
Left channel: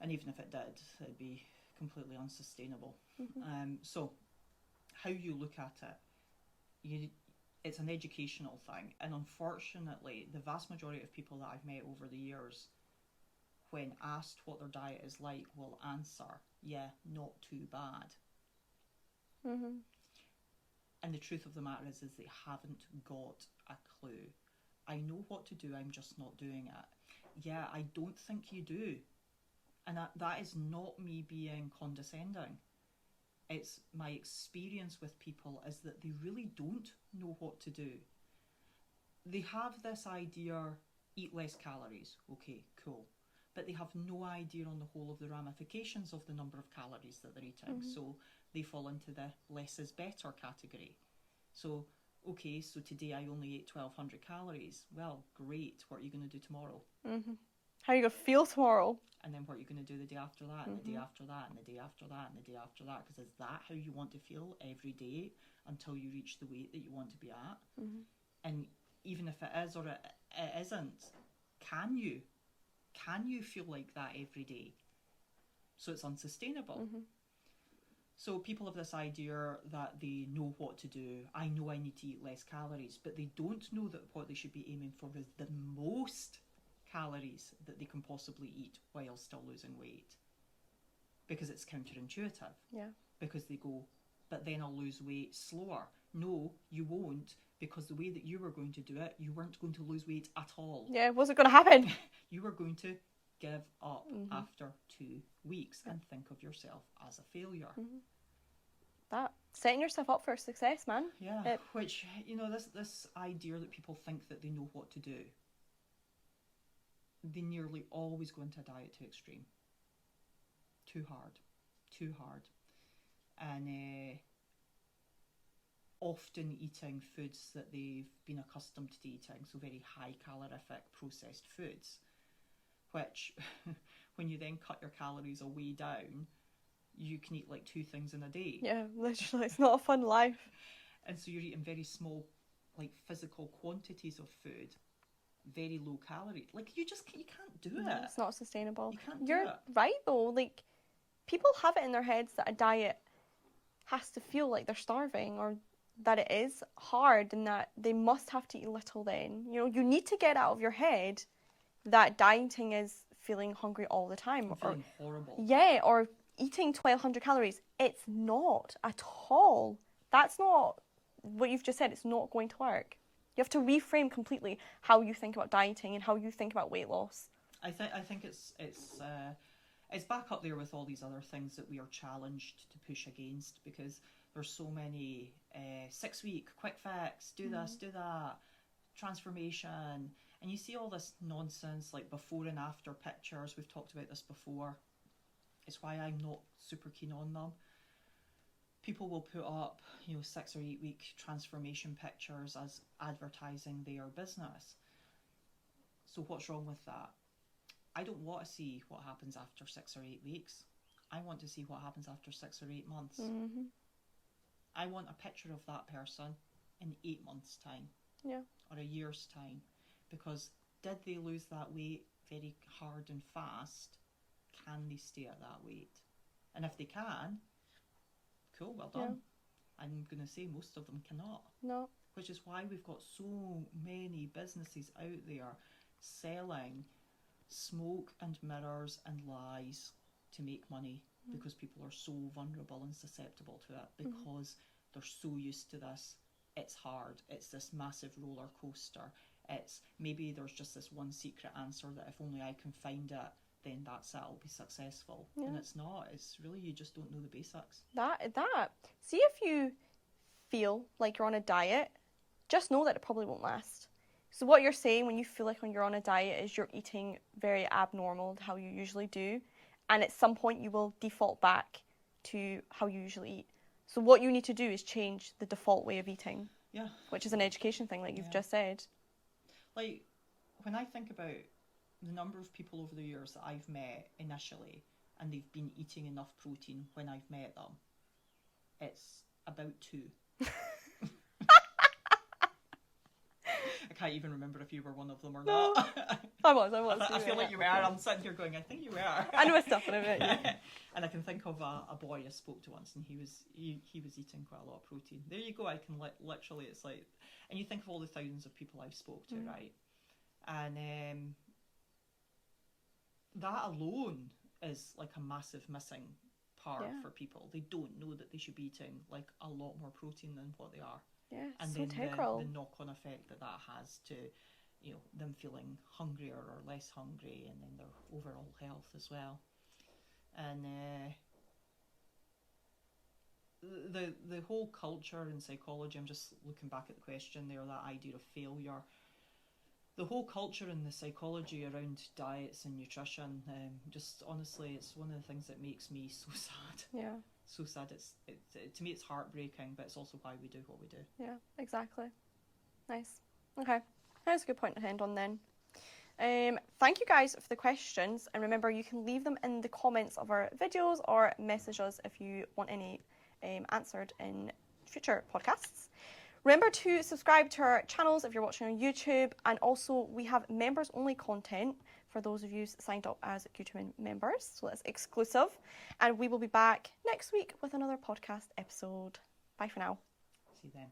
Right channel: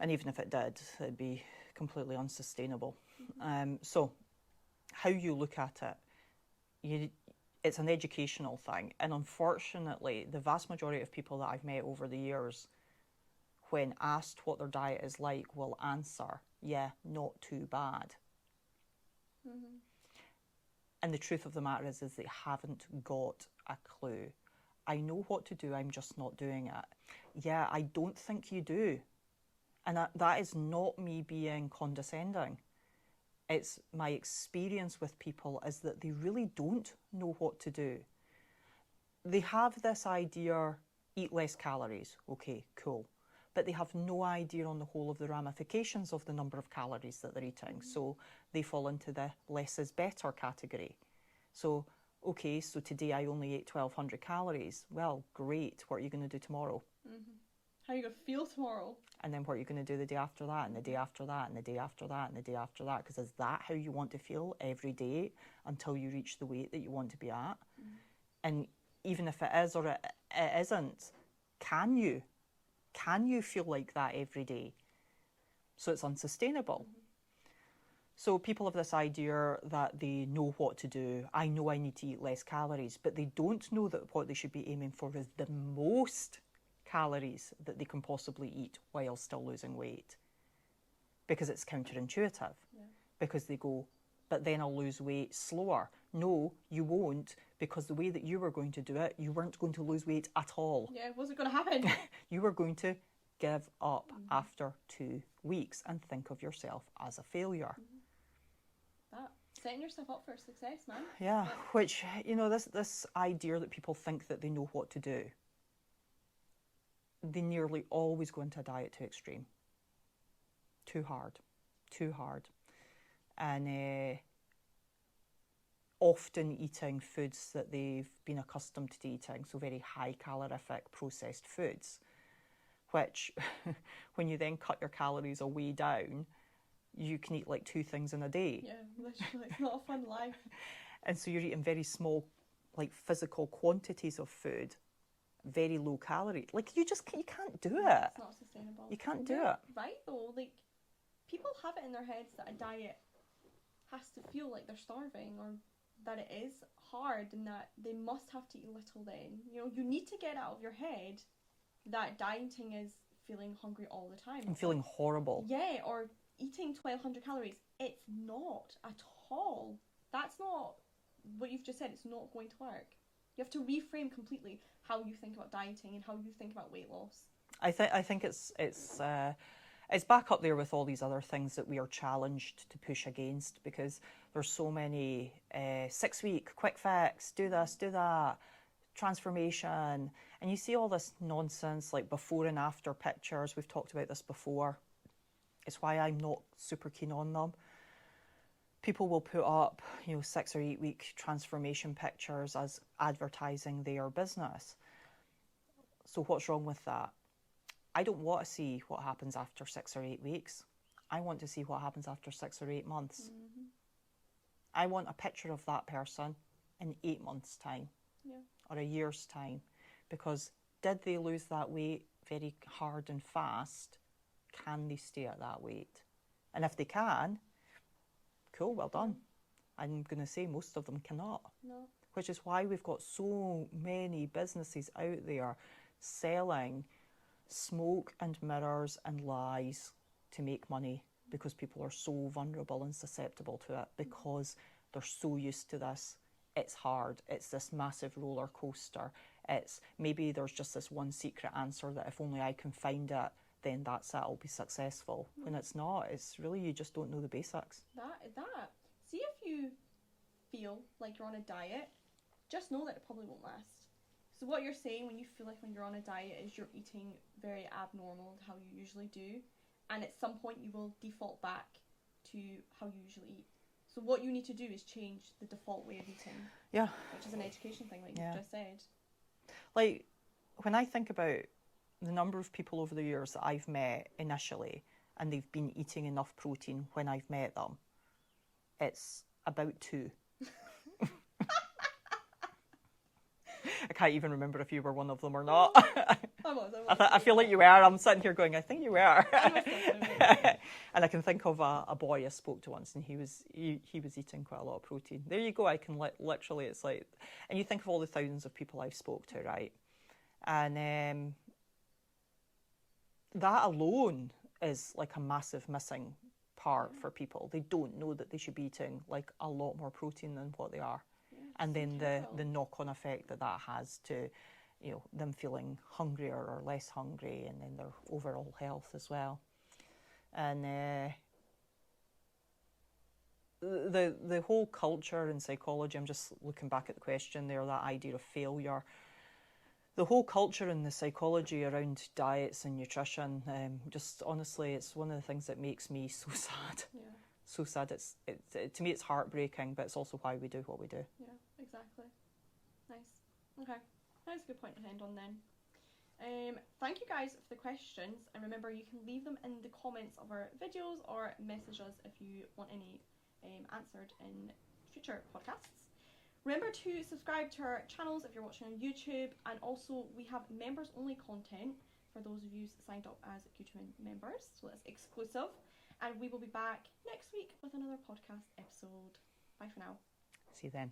And even if it did, it'd be completely unsustainable. So how you look at it, it's an educational thing. And unfortunately, the vast majority of people that I've met over the years, when asked what their diet is like, will answer, yeah, not too bad. And the truth of the matter is they haven't got a clue. I know what to do, I'm just not doing it. Yeah, I don't think you do. And that is not me being condescending. It's my experience with people is that they really don't know what to do. They have this idea, eat less calories. Okay, cool. But they have no idea on the whole of the ramifications of the number of calories that they're eating. So they fall into the less is better category. So, okay, so today I only ate 1,200 calories. Well, great. What are you going to do tomorrow? How are you going to feel tomorrow? And then what are you going to do the day after that, and the day after that, and the day after that, and the day after that? Because is that how you want to feel every day until you reach the weight that you want to be at? And even if it is or it isn't, can you feel like that every day? So it's unsustainable. So people have this idea that they know what to do. I know I need to eat less calories, but they don't know that what they should be aiming for is the most calories that they can possibly eat while still losing weight, because it's counterintuitive. Because they go, but then I'll lose weight slower. No, you won't, because the way that you were going to do it, you weren't going to lose weight at all. Yeah, what's it going to happen? You were going to give up after 2 weeks and think of yourself as a failure. That setting yourself up for success, man. Yeah, which, you know, this idea that people think that they know what to do, they nearly always go into a diet too extreme. Too hard. And often eating foods that they've been accustomed to eating, so very high calorific processed foods, which when you then cut your calories way down, you can eat like 2 things in a day. Yeah, literally, it's not a fun life. And so you're eating very small, like physical quantities of food, very low calorie. Like you can't do it. It's not sustainable. You can't do You're it. right though. Like people have it in their heads that a diet has to feel like they're starving, or that it is hard and that they must have to eat little then. You know, you need to get out of your head that dieting is feeling hungry all the time. I'm feeling horrible. Yeah, or eating 1,200 calories. It's not at all. That's not what you've just said. It's not going to work. You have to reframe completely how you think about dieting and how you think about weight loss. I think it's back up there with all these other things that we are challenged to push against, because there's so many 6-week quick fix, do this, do that, transformation, and you see all this nonsense like before and after pictures. We've talked about this before. It's why I'm not super keen on them. People will put up, 6 or 8 week transformation pictures as advertising their business. So what's wrong with that? I don't want to see what happens after 6 or 8 weeks. I want to see what happens after 6 or 8 months. I want a picture of that person in 8 months' time, or a year's time, because did they lose that weight very hard and fast? Can they stay at that weight? And if they can, cool, well done. I'm going to say most of them cannot. No. Which is why we've got so many businesses out there selling smoke and mirrors and lies to make money, because people are so vulnerable and susceptible to it, because they're so used to this. It's hard. It's this massive roller coaster. It's maybe there's just this one secret answer that if only I can find it, then that's it, I'll be successful. And it's not. It's really, you just don't know the basics. That. See if you feel like you're on a diet, just know that it probably won't last. So what you're saying when you feel like when you're on a diet is you're eating very abnormal to how you usually do, and at some point you will default back to how you usually eat. So what you need to do is change the default way of eating. Yeah. Which is an education thing, like you've just said. Like, when I think about the number of people over the years that I've met initially, and they've been eating enough protein when I've met them, it's about 2. I can't even remember if you were one of them or not. I was. I feel like you were. I'm sitting here going, I think you were. I know stuff in it. And I can think of a boy I spoke to once, and he was eating quite a lot of protein. There you go. I can literally, it's like, and you think of all the thousands of people I've spoke to, right? And that alone is like a massive missing part for people. They don't know that they should be eating like a lot more protein than what they are. Yeah, and so then integral. the knock-on effect that has to, you know, them feeling hungrier or less hungry, and then their overall health as well. And the whole culture and psychology, I'm just looking back at the question there, that idea of failure. The whole culture and the psychology around diets and nutrition, just honestly, it's one of the things that makes me so sad. Yeah. So sad. To me, it's heartbreaking, but it's also why we do what we do. Yeah, exactly. Nice. Okay, that's a good point to end on then. Thank you guys for the questions, and remember you can leave them in the comments of our videos or message us if you want any answered in future podcasts. Remember to subscribe to our channels if you're watching on YouTube, and also we have members only content for those of you signed up as Q2 members, so that's exclusive. And we will be back next week with another podcast episode. Bye for now. See you then.